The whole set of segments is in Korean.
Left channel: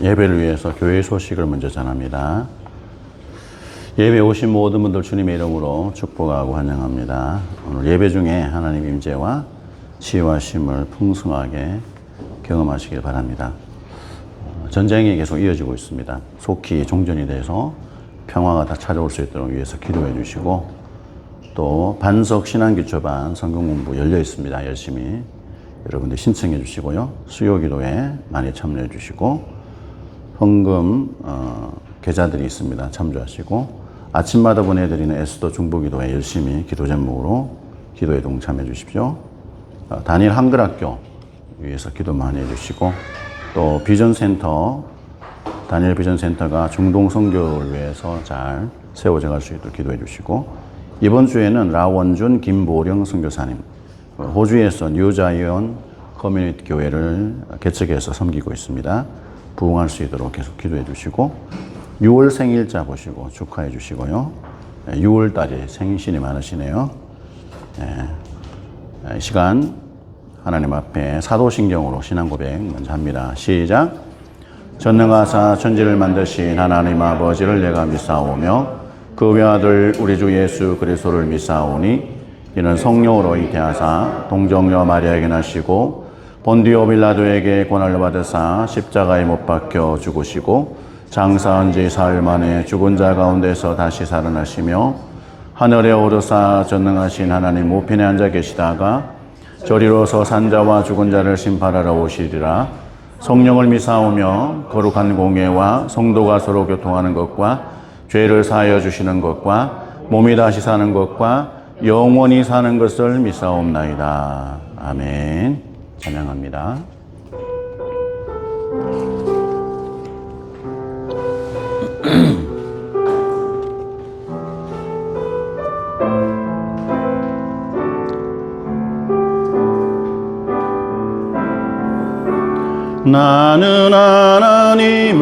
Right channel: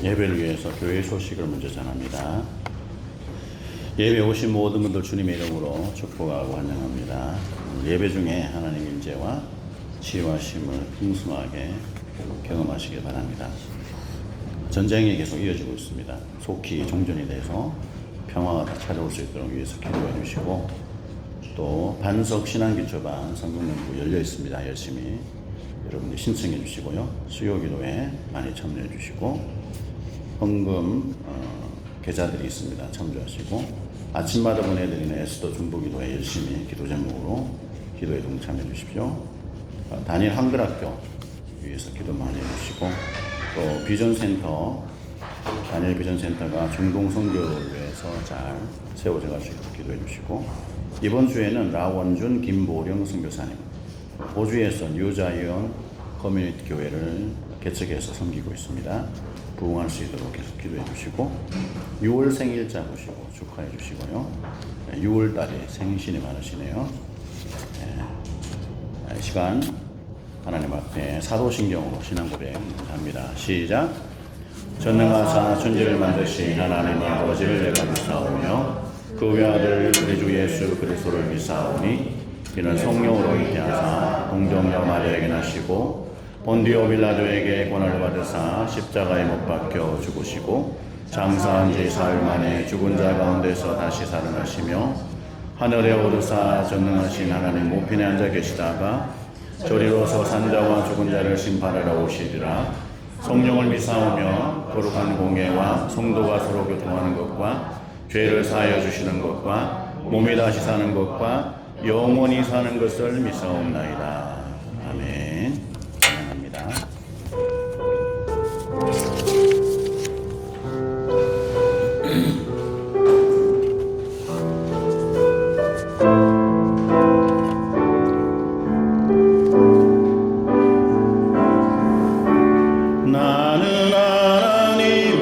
예배를 위해서 교회 소식을 먼저 전합니다. 예배 오신 모든 분들 주님의 이름으로 축복하고 환영합니다. 오늘 예배 중에 하나님의 임재와 치유하심을 풍성하게 경험하시길 바랍니다. 전쟁이 계속 이어지고 있습니다. 속히 종전이 돼서 평화가 다 찾아올 수 있도록 위해서 기도해 주시고, 또 반석 신앙기초반 성경 공부 열려 있습니다. 열심히 여러분들 신청해 주시고요. 수요 기도에 많이 참여해 주시고, 헌금 계좌들이 있습니다. 참조하시고, 아침마다 보내드리는 에스더 중보기도에 열심히 기도 제목으로 기도에 동참해 주십시오. 단일 한글학교 위해서 기도 많이 해주시고, 또 비전센터, 단일 비전센터가 중동 선교를 위해서 잘 세워져 갈 수 있도록 기도해 주시고, 이번 주에는 라원준 김보령 선교사님, 호주에서 뉴자이언 커뮤니티 교회를 개척해서 섬기고 있습니다. 부흥할 수 있도록 계속 기도해 주시고, 6월 생일자 보시고 축하해 주시고요. 6월 달이 생신이 많으시네요. 시간 하나님 앞에 사도신경으로 신앙 고백 먼저 합니다. 시작. 전능하사 천지를 만드신 하나님 아버지를 내가 믿사오며 그 외아들 우리 주 예수 그리스도를 믿사오니 이는 성령으로 잉태하사 동정녀 마리아에게 나시고 본디오 빌라도에게 고난을 받으사 십자가에 못 박혀 죽으시고 장사한 지 사흘 만에 죽은 자 가운데서 다시 살아나시며 하늘에 오르사 전능하신 하나님 우편에 앉아 계시다가 저리로서 산자와 죽은 자를 심판하러 오시리라. 성령을 믿사오며 거룩한 공예와 성도가 서로 교통하는 것과 죄를 사하여 주시는 것과 몸이 다시 사는 것과 영원히 사는 것을 믿사옵나이다. 아멘. 찬양합니다. 나는 하나님을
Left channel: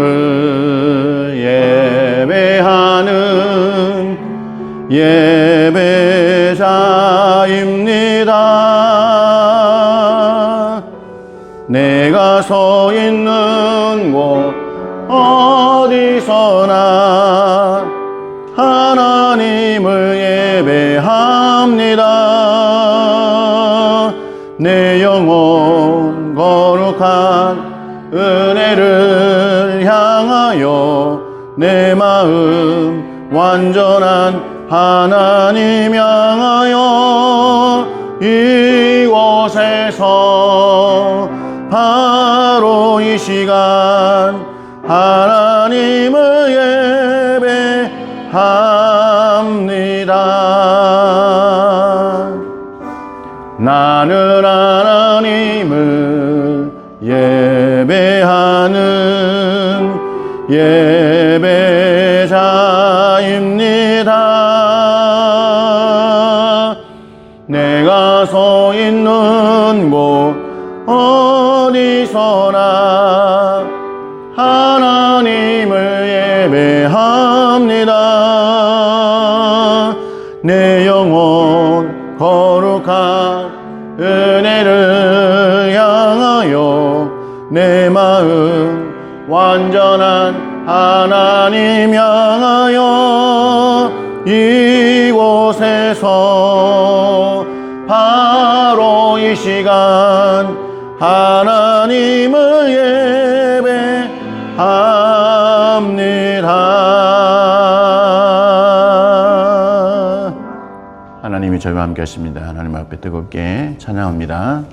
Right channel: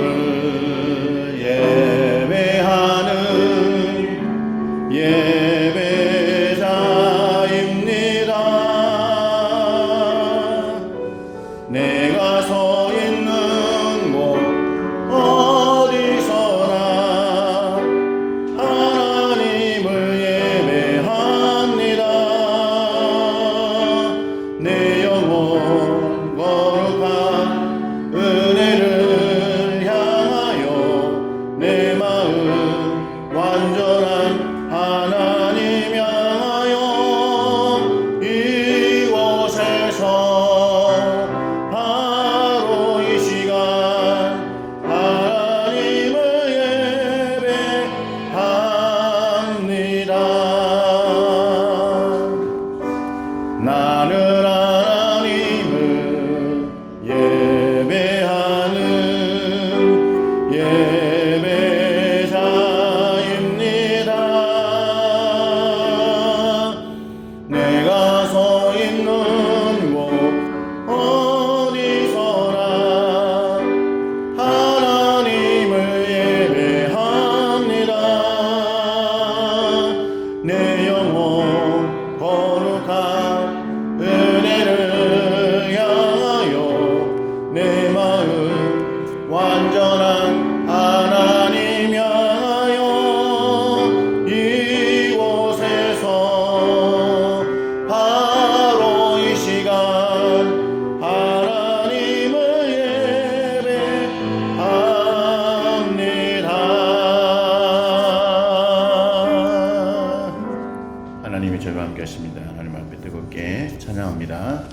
예배하는 예배자입니다. 내가 서 있는 곳 어디서나 하나님을 예배합니다. 내 영혼 거룩한 은혜를 향하여 내 마음 완전한 하나님 향하여 이곳에서 바로 이 시간 하나님을 예배합니다. 나는 하나님을 예배하는 예배자입니다. 내가 서 있는 곳 어디서나 하나님을 예배합니다. 내 영혼 거룩한 은혜를 향하여 내 마음 완전한 하나님 향하여 이곳에서 바로 이 시간 하나님을 예배합니다. 하나님이 저희와 함께 하십니다. 하나님 앞에 뜨겁게 찬양합니다.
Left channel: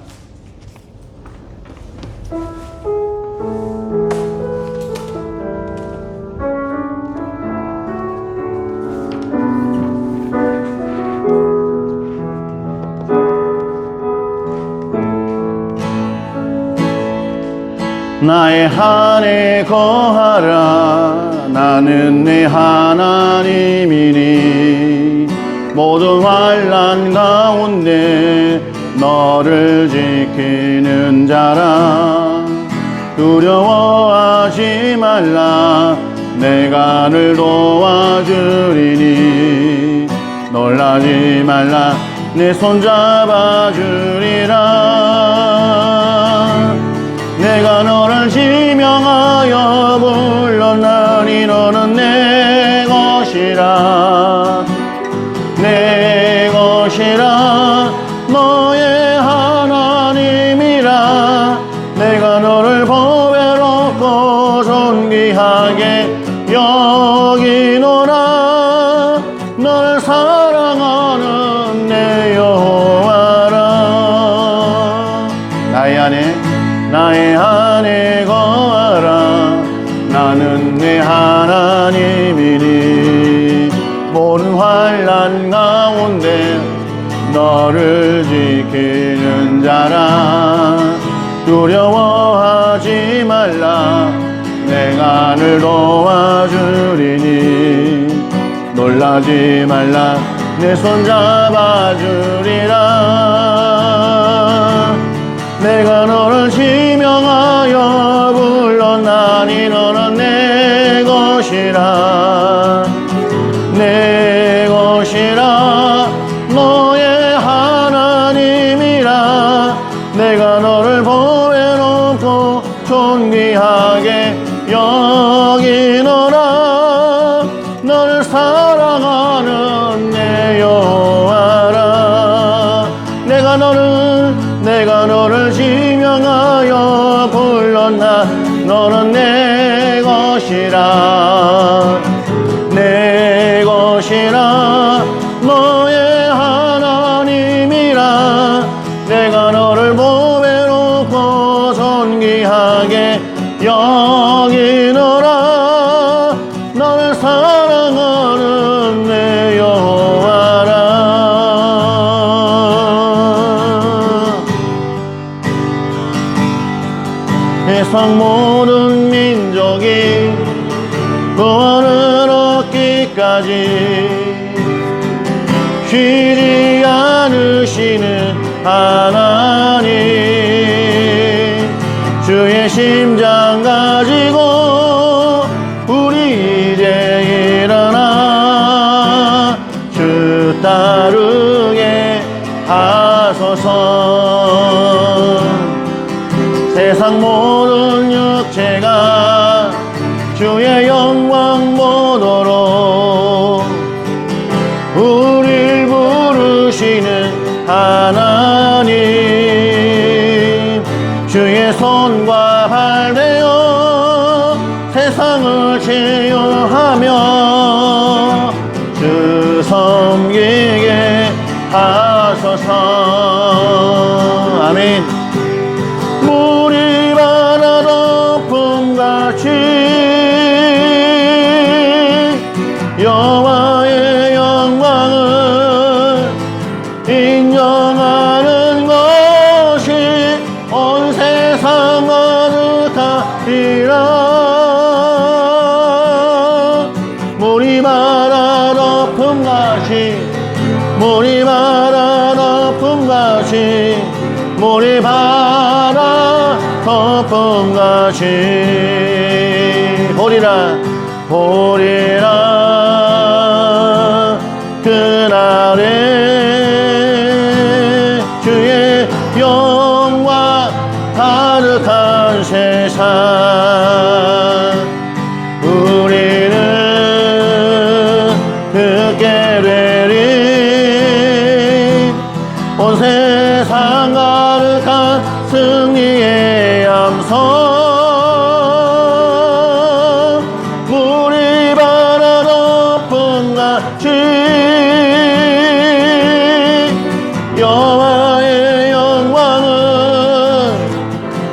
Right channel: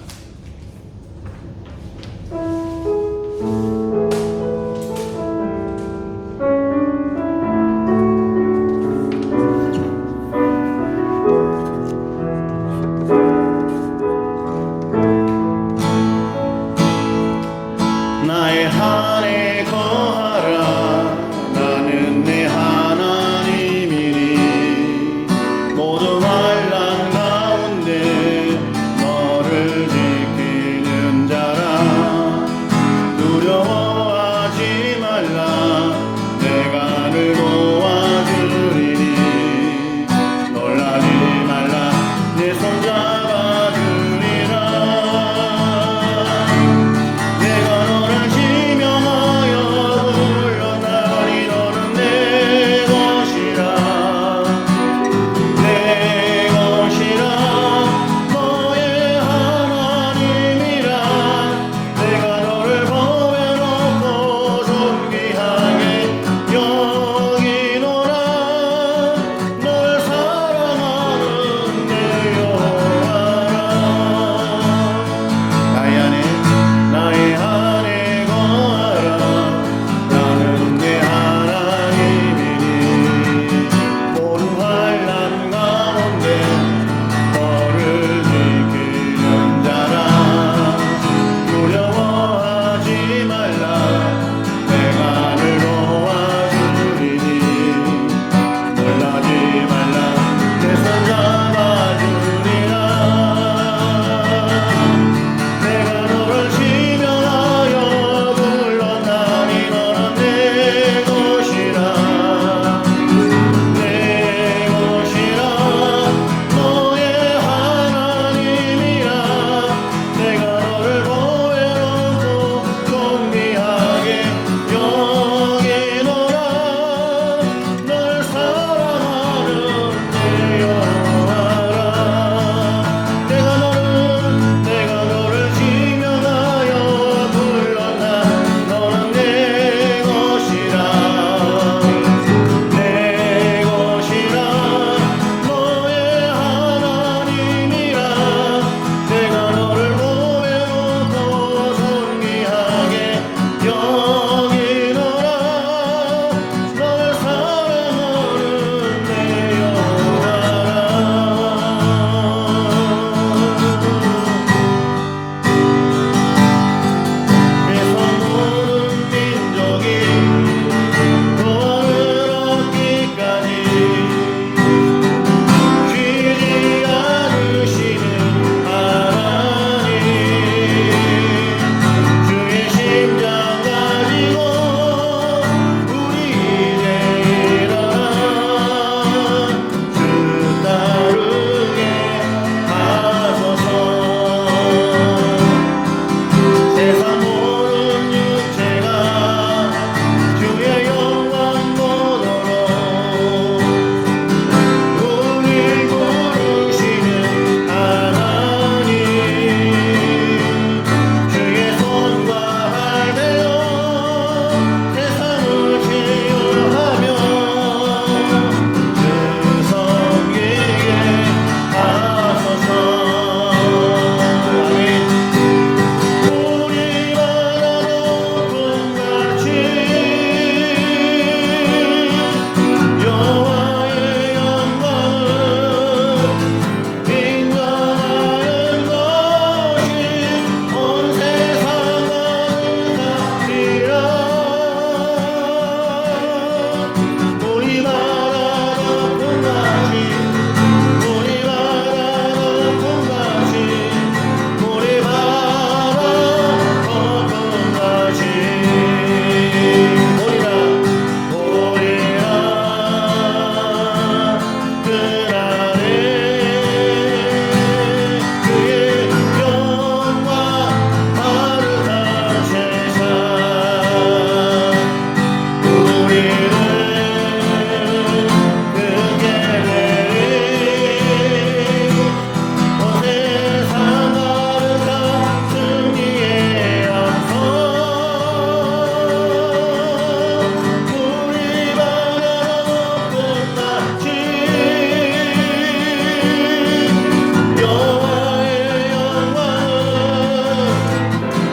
나의 안에 거하라. 나는 내 하나님이니 모든 환난 가운데 너를 지키는 자라. 두려워하지 말라. 내가 늘 도와주리니 놀라지 말라. 내 손 잡아주리라. 내가 너를 지명하여 걱정하지 말라 내 손 잡아주리라 내가 너를 지명하여 불렀나니 너는 내 것이라 내 것이라 너의 하나님이라 내가 너를 보배롭고 존귀하게 여기노라 너를 사랑하는 내 여호와라 내가 너를 지명하여 불렀나 너는 내 것이라 내 것이라 너의 하나님이라 내가 너를 보배롭고 존귀하게 여기노라 너를 사랑하는 내 여호와라 세상 모든 민족이 구원을 얻기까지 쉬지 않으시는 하나님 주의 심장 가지고 우리 이제 일어나 주 따르게 하소서 세상 모든 육체가 주의 영광 보도록 우릴 부르시는 하나님 주의 손과 발 되어 세상을 치유하며 주 섬기게 하소서 아멘 물이 바다 덮음같이 여호와의 영광을 인정하는 것이 온 세상 가득하리라 물이 바다 덮음같이 물이 바다 덮음같이 물이 바다 덮음같이 보리라 그날에 주의 영광 가득한 세상 우리는 듣게 되리 온 세상 가득한 승리의 함성 물이 바다 덮음같이 여호와의 영광을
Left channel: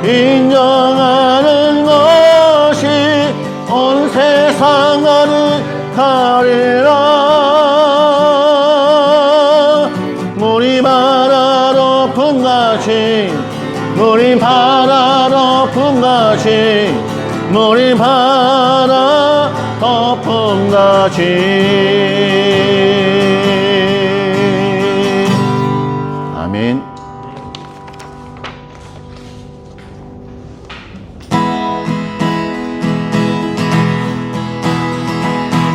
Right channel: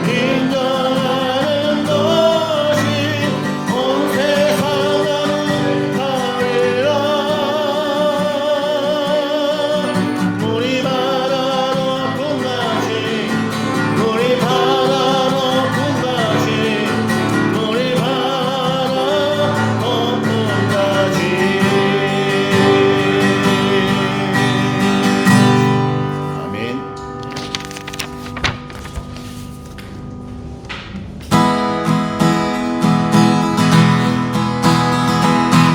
인정하는 것이 온 세상 가득하리라 물이 바다 덮음같이 물이 바다 덮음같이 물이 바다 덮음같이 아멘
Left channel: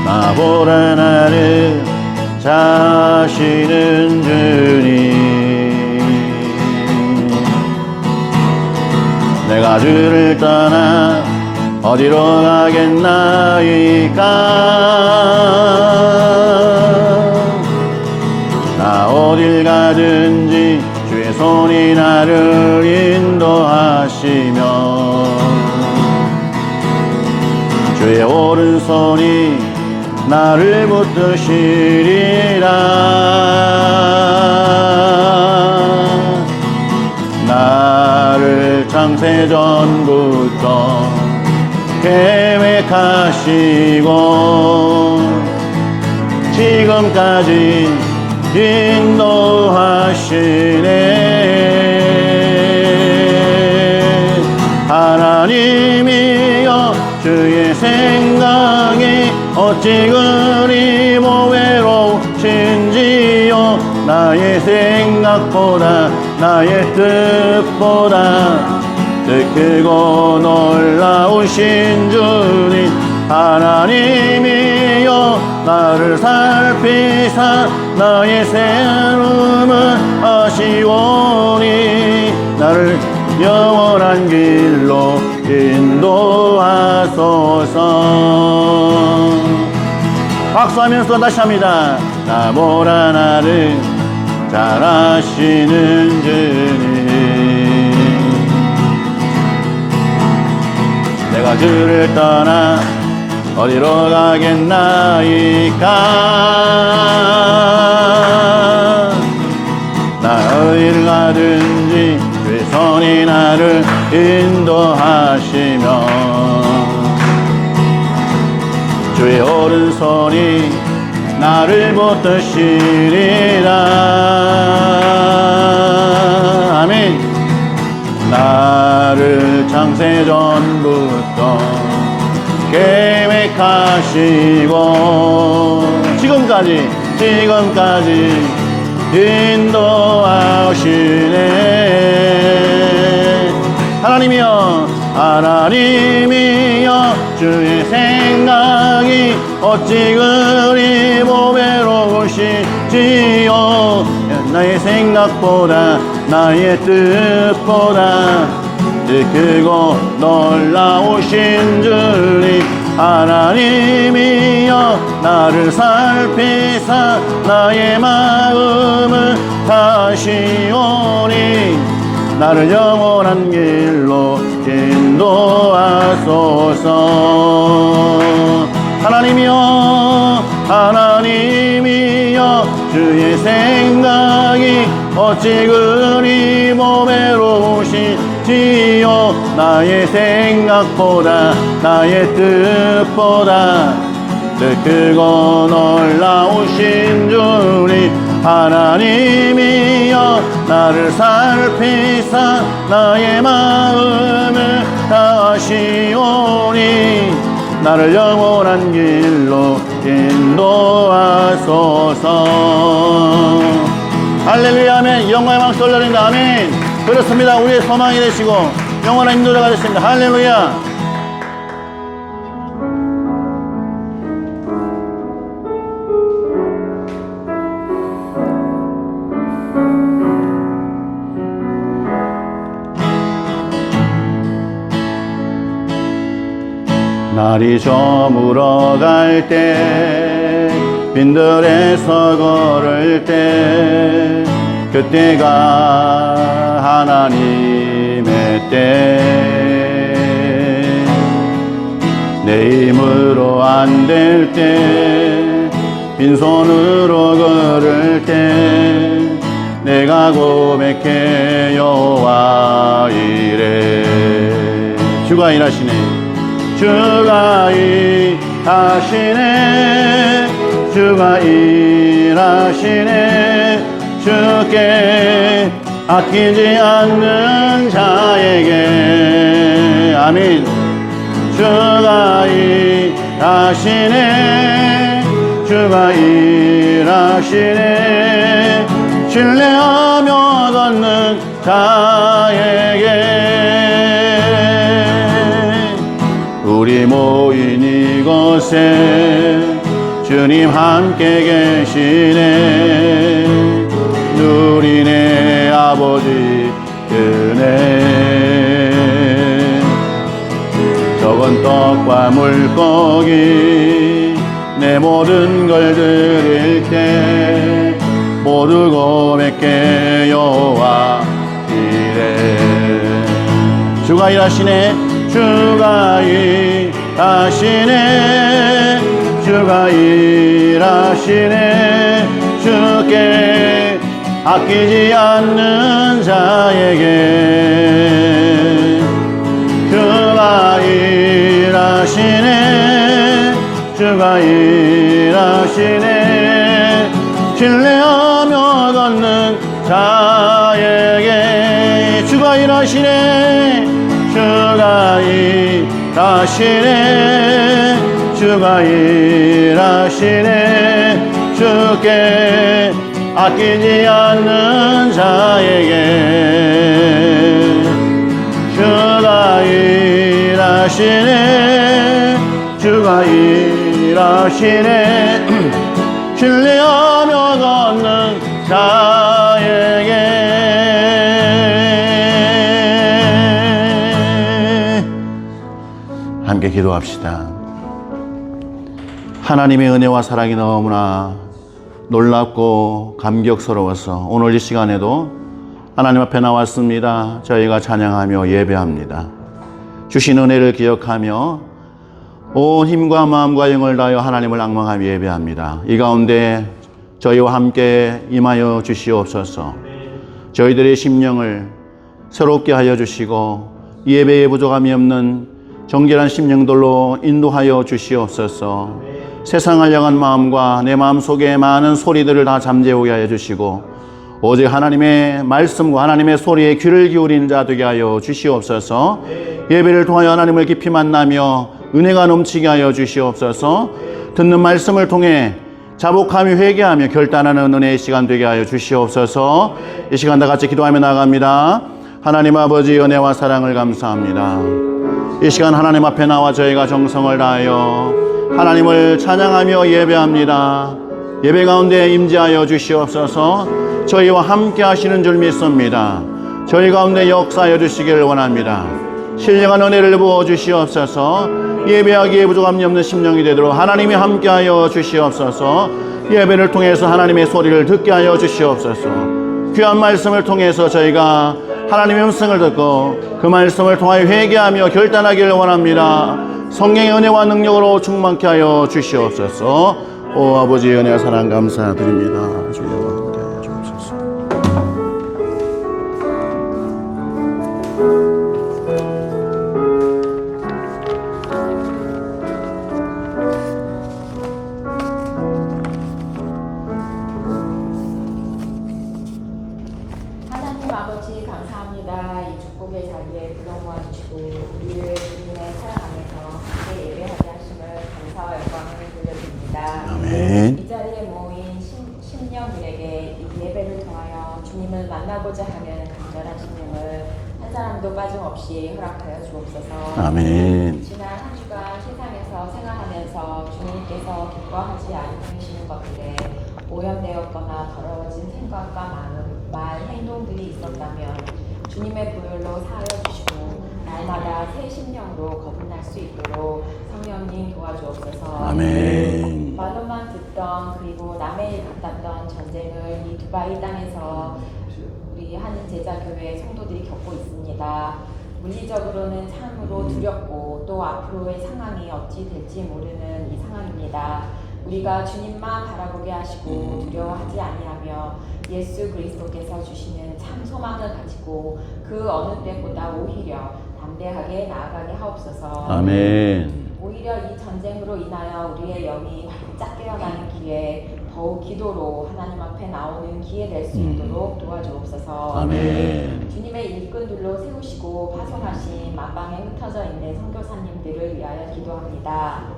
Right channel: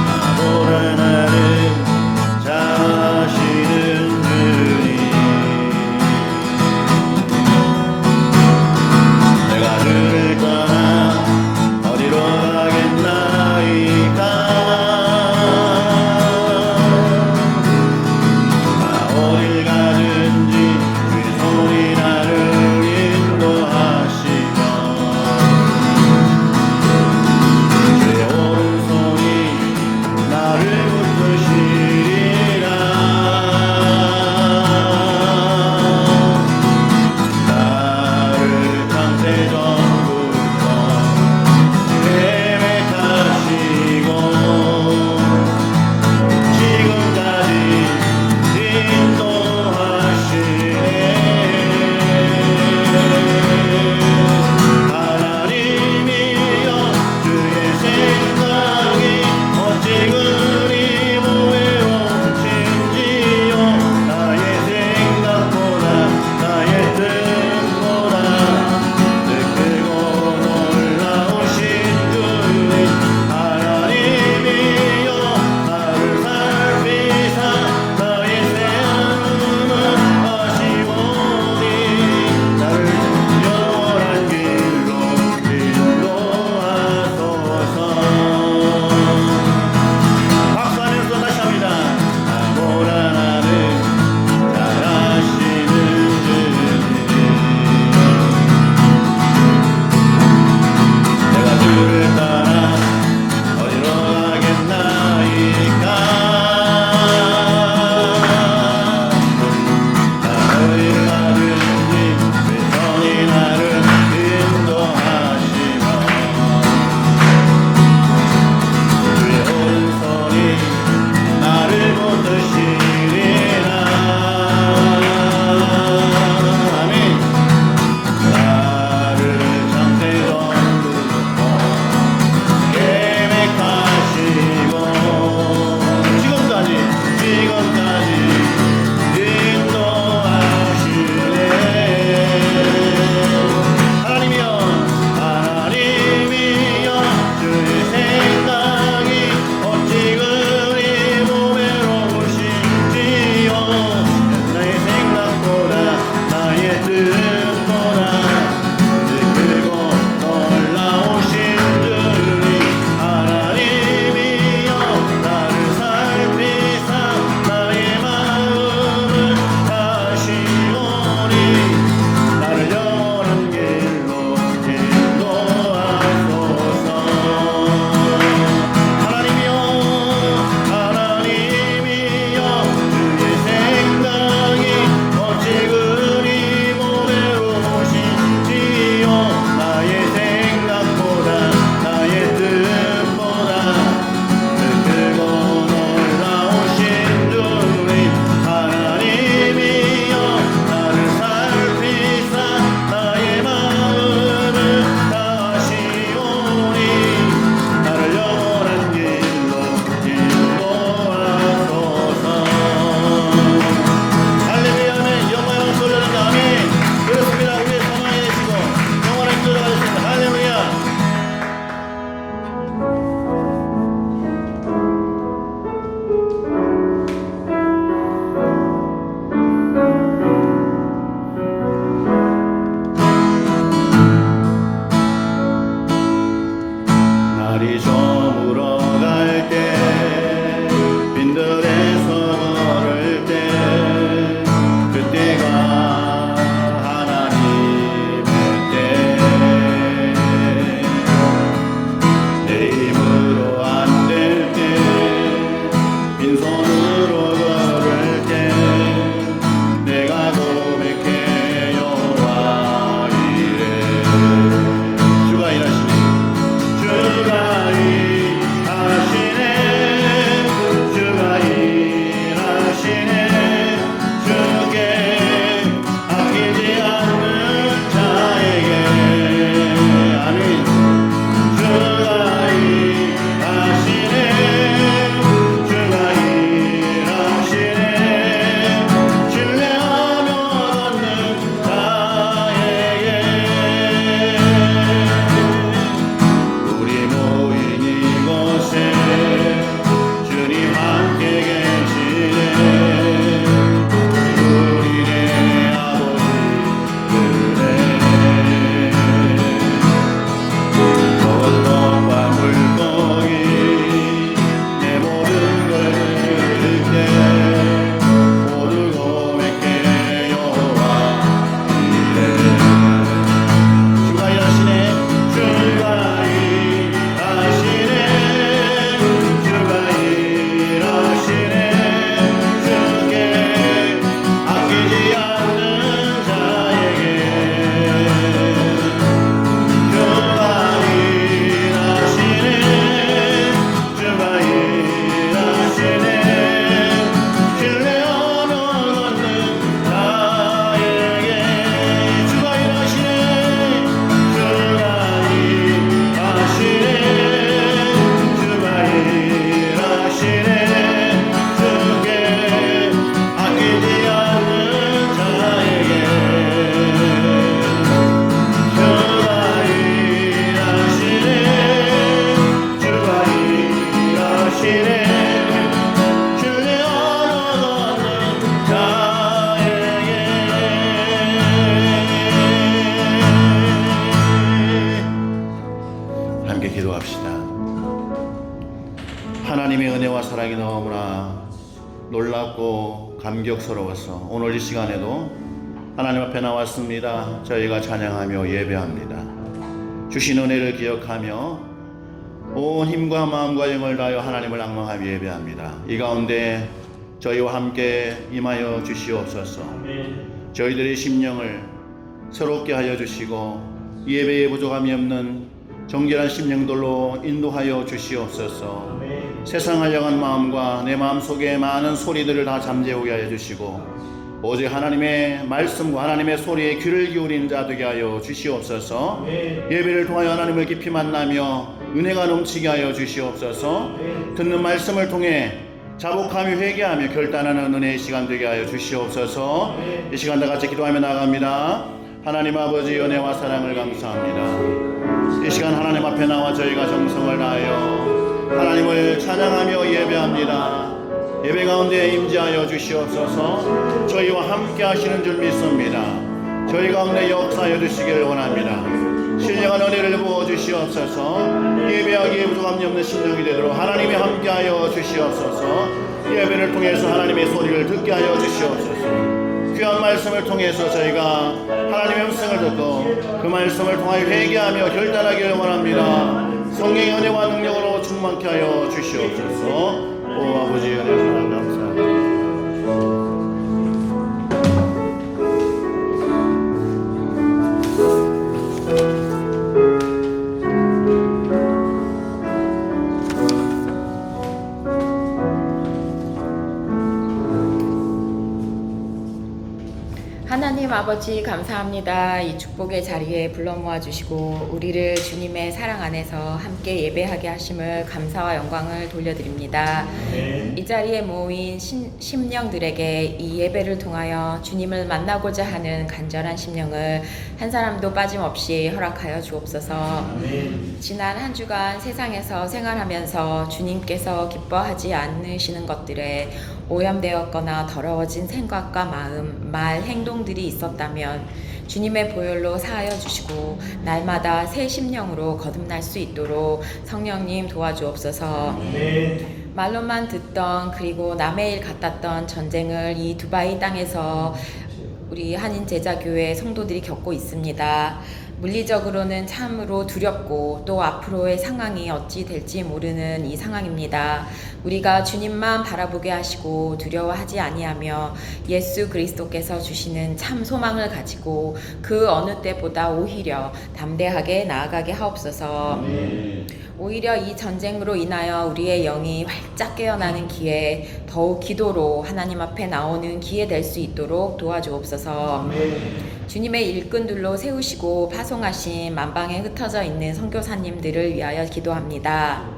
아보라 나를 자시는 주님 내가 주를 떠나 어디로 가겠나이까 나 어딜 가든지 주의 손이 나를 인도하시며 주의 오른손이 나를 붙드시리라 나를 창세전부터 계획하시고 한번 다시 합니다. 나보다 나를 잘 아시는 주님, 내가 그를 떠나 어디로 가겠나이까. 나 어디를 가든지 주의 손이 나를 인도하시며 주의 오른손이 나를 붙드시리라. 아멘. 나를 창세전부터 계획하시고 지금까지 인도하시네. 하나님이여 주의 생각이 어찌 그리 보배로우시지요. 나의 생각보다 나의 뜻보다 크고 놀라우신 주님, 하나님이여 나를 살피사 나의 마음을 다시오니 나를 영원한 길로 인도하소서. 하나님이여 주의 생각이 어찌 그리 보배로우시지요. 나의 생각보다 나의 뜻보다 크고 놀라우신 주님, 하나님이여 나를 살피사 나의 마음을 다하시오니 나를 영원한 길로 인도하소서. 할렐루야. 아멘. 영광의 박수 올려드립니다. 아멘. 그렇습니다. 우리의 소망이 되시고 영원한 인도자가 됐습니다. 할렐루야. 날이 저물어 갈 때 빈들에서 걸을 때 그때가 하나님의 때, 내 힘으로 안 될 때 빈손으로 걸을 때 내가 고백해 여호와 이래. 주가 일하시네. 주가 일하시네. 주가 일하시네. 주께 아끼지 않는 자에게. 아멘. 주가 일하시네. 주가 일하시네. 신뢰하며 걷는 자에게. 우리 모인 이곳에 주님 함께 계시네. 우리네 아버지 그네. 적은 떡과 물고기 내 모든 걸 드릴 때 모두 고백해 여호와 이래. 주가 일하시네. 주가 일하시네. 주가 일하시네. 주께 아끼지 않는 자에게. 주가 일하시네. 주가 일하시네. 신뢰하며 걷는 자에게. 주가 일하시네. 주가 일하시네. 주가 일하시네. 주께 아끼지 않는 자에게. 주가 일하시네. 주가 일하시네. 신뢰하며 걷는 자에게. 함께 기도합시다. 하나님의 은혜와 사랑이 너무나 놀랍고 감격스러워서 오늘 이 시간에도 하나님 앞에 나왔습니다. 저희가 찬양하며 예배합니다. 주신 은혜를 기억하며 온 힘과 마음과 영을 다하여 하나님을 앙망하며 예배합니다. 이 가운데 저희와 함께 임하여 주시옵소서. 저희들의 심령을 새롭게 하여 주시고 예배에 부족함이 없는 정결한 심령들로 인도하여 주시옵소서. 세상을 향한 마음과 내 마음속에 많은 소리들을 다 잠재우게 하여 주시고 오직 하나님의 말씀과 하나님의 소리에 귀를 기울이는 자 되게 하여 주시옵소서. 예배를 통하여 하나님을 깊이 만나며 은혜가 넘치게 하여 주시옵소서. 듣는 말씀을 통해 자복하며 회개하며 결단하는 은혜의 시간 되게 하여 주시옵소서. 이 시간 다 같이 기도하며 나아갑니다. 하나님 아버지 은혜와 사랑을 감사합니다. 이 시간 하나님 앞에 나와 저희가 정성을 다하여 하나님을 찬양하며 예배합니다. 예배 가운데 임재하여 주시옵소서. 저희와 함께 하시는 줄 믿습니다. 저희 가운데 역사하여 주시기를 원합니다. 신령한 은혜를 부어 주시옵소서. 예배하기에 부족함이 없는 심령이 되도록 하나님이 함께하여 주시옵소서. 예배를 통해서 하나님의 소리를 듣게 하여 주시옵소서. 귀한 말씀을 통해서 저희가 하나님의 음성을 듣고 그 말씀을 통하여 회개하며 결단하기를 원합니다. 성령의 은혜와 능력으로 충만케 하여 주시옵소서. 오 아버지 은혜와 사랑 감사드립니다. 하나님 아버지 감사합니다. 이 축복의 자리에 불러 모아주시고 우리를 주님의 사랑 안에서 함께 예배하게 하심을 감사와 영광을 돌려드립니다. 아멘. 이 자리에 모인 심령들에게 이 예배를 통하여 주님을 만나고자 하는 간절한 심령을 한 사람도 빠짐없이 허락하여 주옵소서. 아멘. 지난 한 주간 세상에서 생활하면서 주님께서 기뻐하지 않으시는 것들에 오염되었거나 더러워진 생각과 마음, 말, 행동들이 있었다면 주님의 보혈로 사하여 주시고 날마다 새 심령으로 거듭날 수 있도록 성령님 도와주옵소서. 아멘. 말로만 듣던 그리고 남의 일 같았던 전쟁을 이 두바이 땅에서 우리 한인 제자교회 성도들이 겪고 있습니다. 물리적으로는 참으로 두렵고 또 앞으로의 상황이 어찌 될지 모르는 이 상황입니다. 우리가 주님만 바라보게 하시고 두려워하지 아니하며 예수 그리스도께서 주시는 참 소망을 가지고 그 어느 때보다 오히려 담대하게 나아가게 하옵소서. 아멘. 오히려 이 전쟁으로 인하여 우리의 영이 활짝 깨어나는 기회, 더욱 기도로 하나님 앞에 나오는 기회 될 수 있도록 도와주옵소서. 아멘. 주님의 일꾼들로 세우시고 파송하신 만방에 흩어져 있는 선교사님들을 위하여 기도합니다.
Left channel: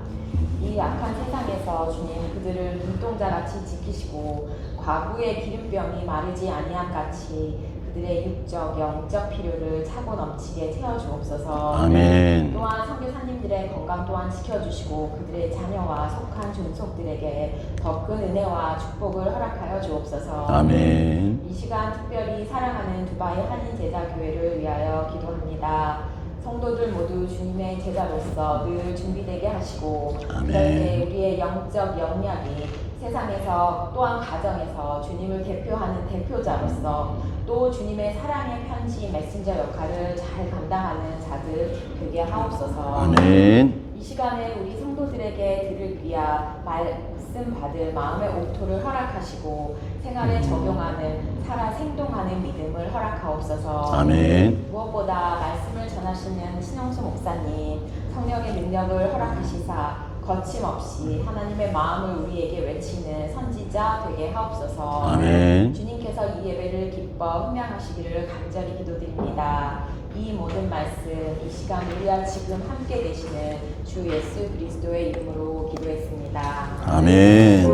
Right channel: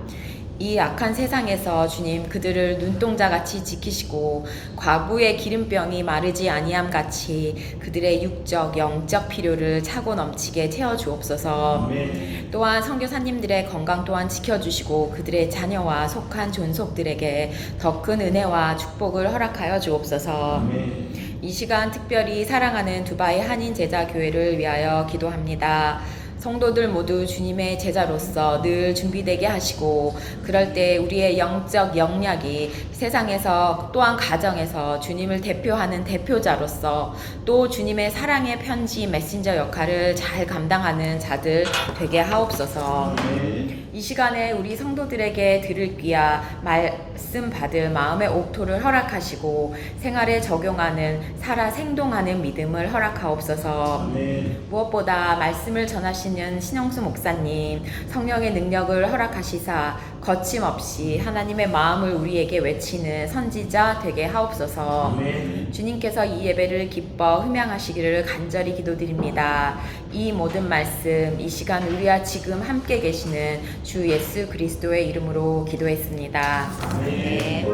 이 악한 세상에서 주님 그들을 눈동자같이 지키시고 과부의 기름병이 마르지 아니함 같이 그들의 육적 영적 필요를 차고 넘치게 채워주옵소서. 아멘. 또한 선교사님들의 건강 또한 지켜주시고 그들의 자녀와 속한 존속들에게 더 큰 은혜와 축복을 허락하여 주옵소서. 아멘. 이 시간 특별히 사랑하는 두바이 한인 제자교회를 위하여 기도합니다. 성도들 모두 주님의 제자로서 늘 준비되게 하시고 그럴 때 우리의 영적 영역이 세상에서 또한 가정에서 주님을 대표하는 대표자로서 또 주님의 사랑의 편지 메신저 역할을 잘 감당하는 자들 되게 하옵소서. 아멘. 이 시간에 우리 성도들에게 들을 귀야 말씀 받을 마음의 옥토를 허락하시고 생활에 적용하는 살아 생동하는 믿음을 허락하옵소서. 아멘. 무엇보다 말씀을 전하시는 신영수 목사님 성령의 능력을 허락하시사 거침없이 하나님의 마음을 우리에게 외치는 선지자 되게 하옵소서. 아멘. 주님께서 이 예배를 기뻐 흠양하시기를 간절히 기도드립니다. 이 모든 말씀 이 시간 우리와 지금 함께 계시는 주 예수 그리스도의 이름으로 기도했습니다. 아멘.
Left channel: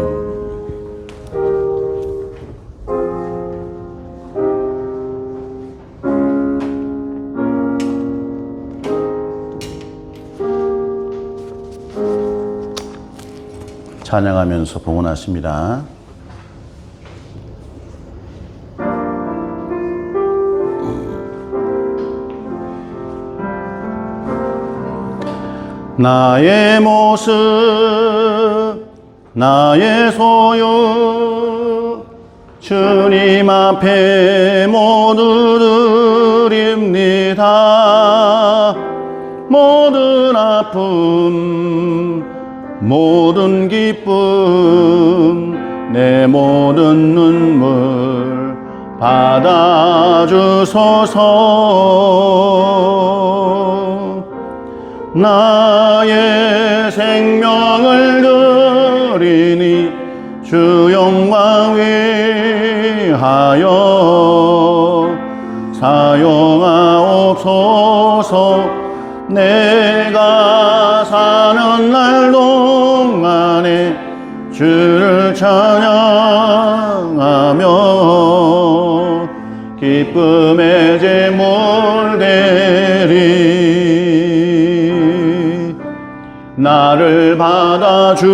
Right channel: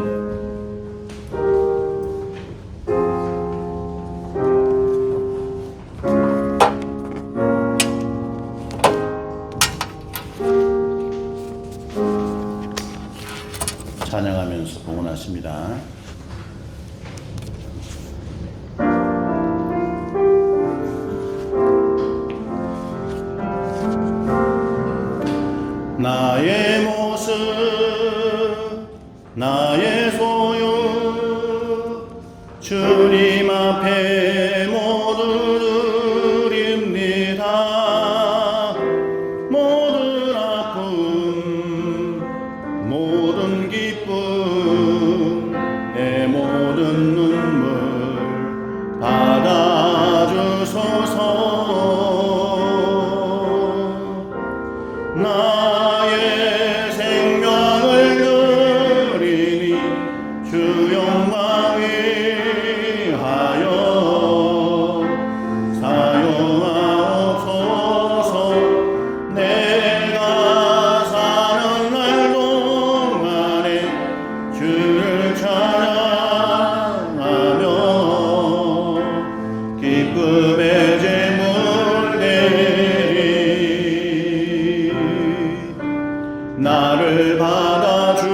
찬양하면서 봉헌하십니다. 나의 모습 나의 소유 주님 앞에 모두 드립니다. 모든 아픔 모든 기쁨 내 모든 눈물 받아주소서. 나의 생명을 드리니 주 영광 위하여 사용하옵소서. 내가 사는 날 동안에 주를 찬양하며 기쁨의 제물 되리. 나를 받아주소서.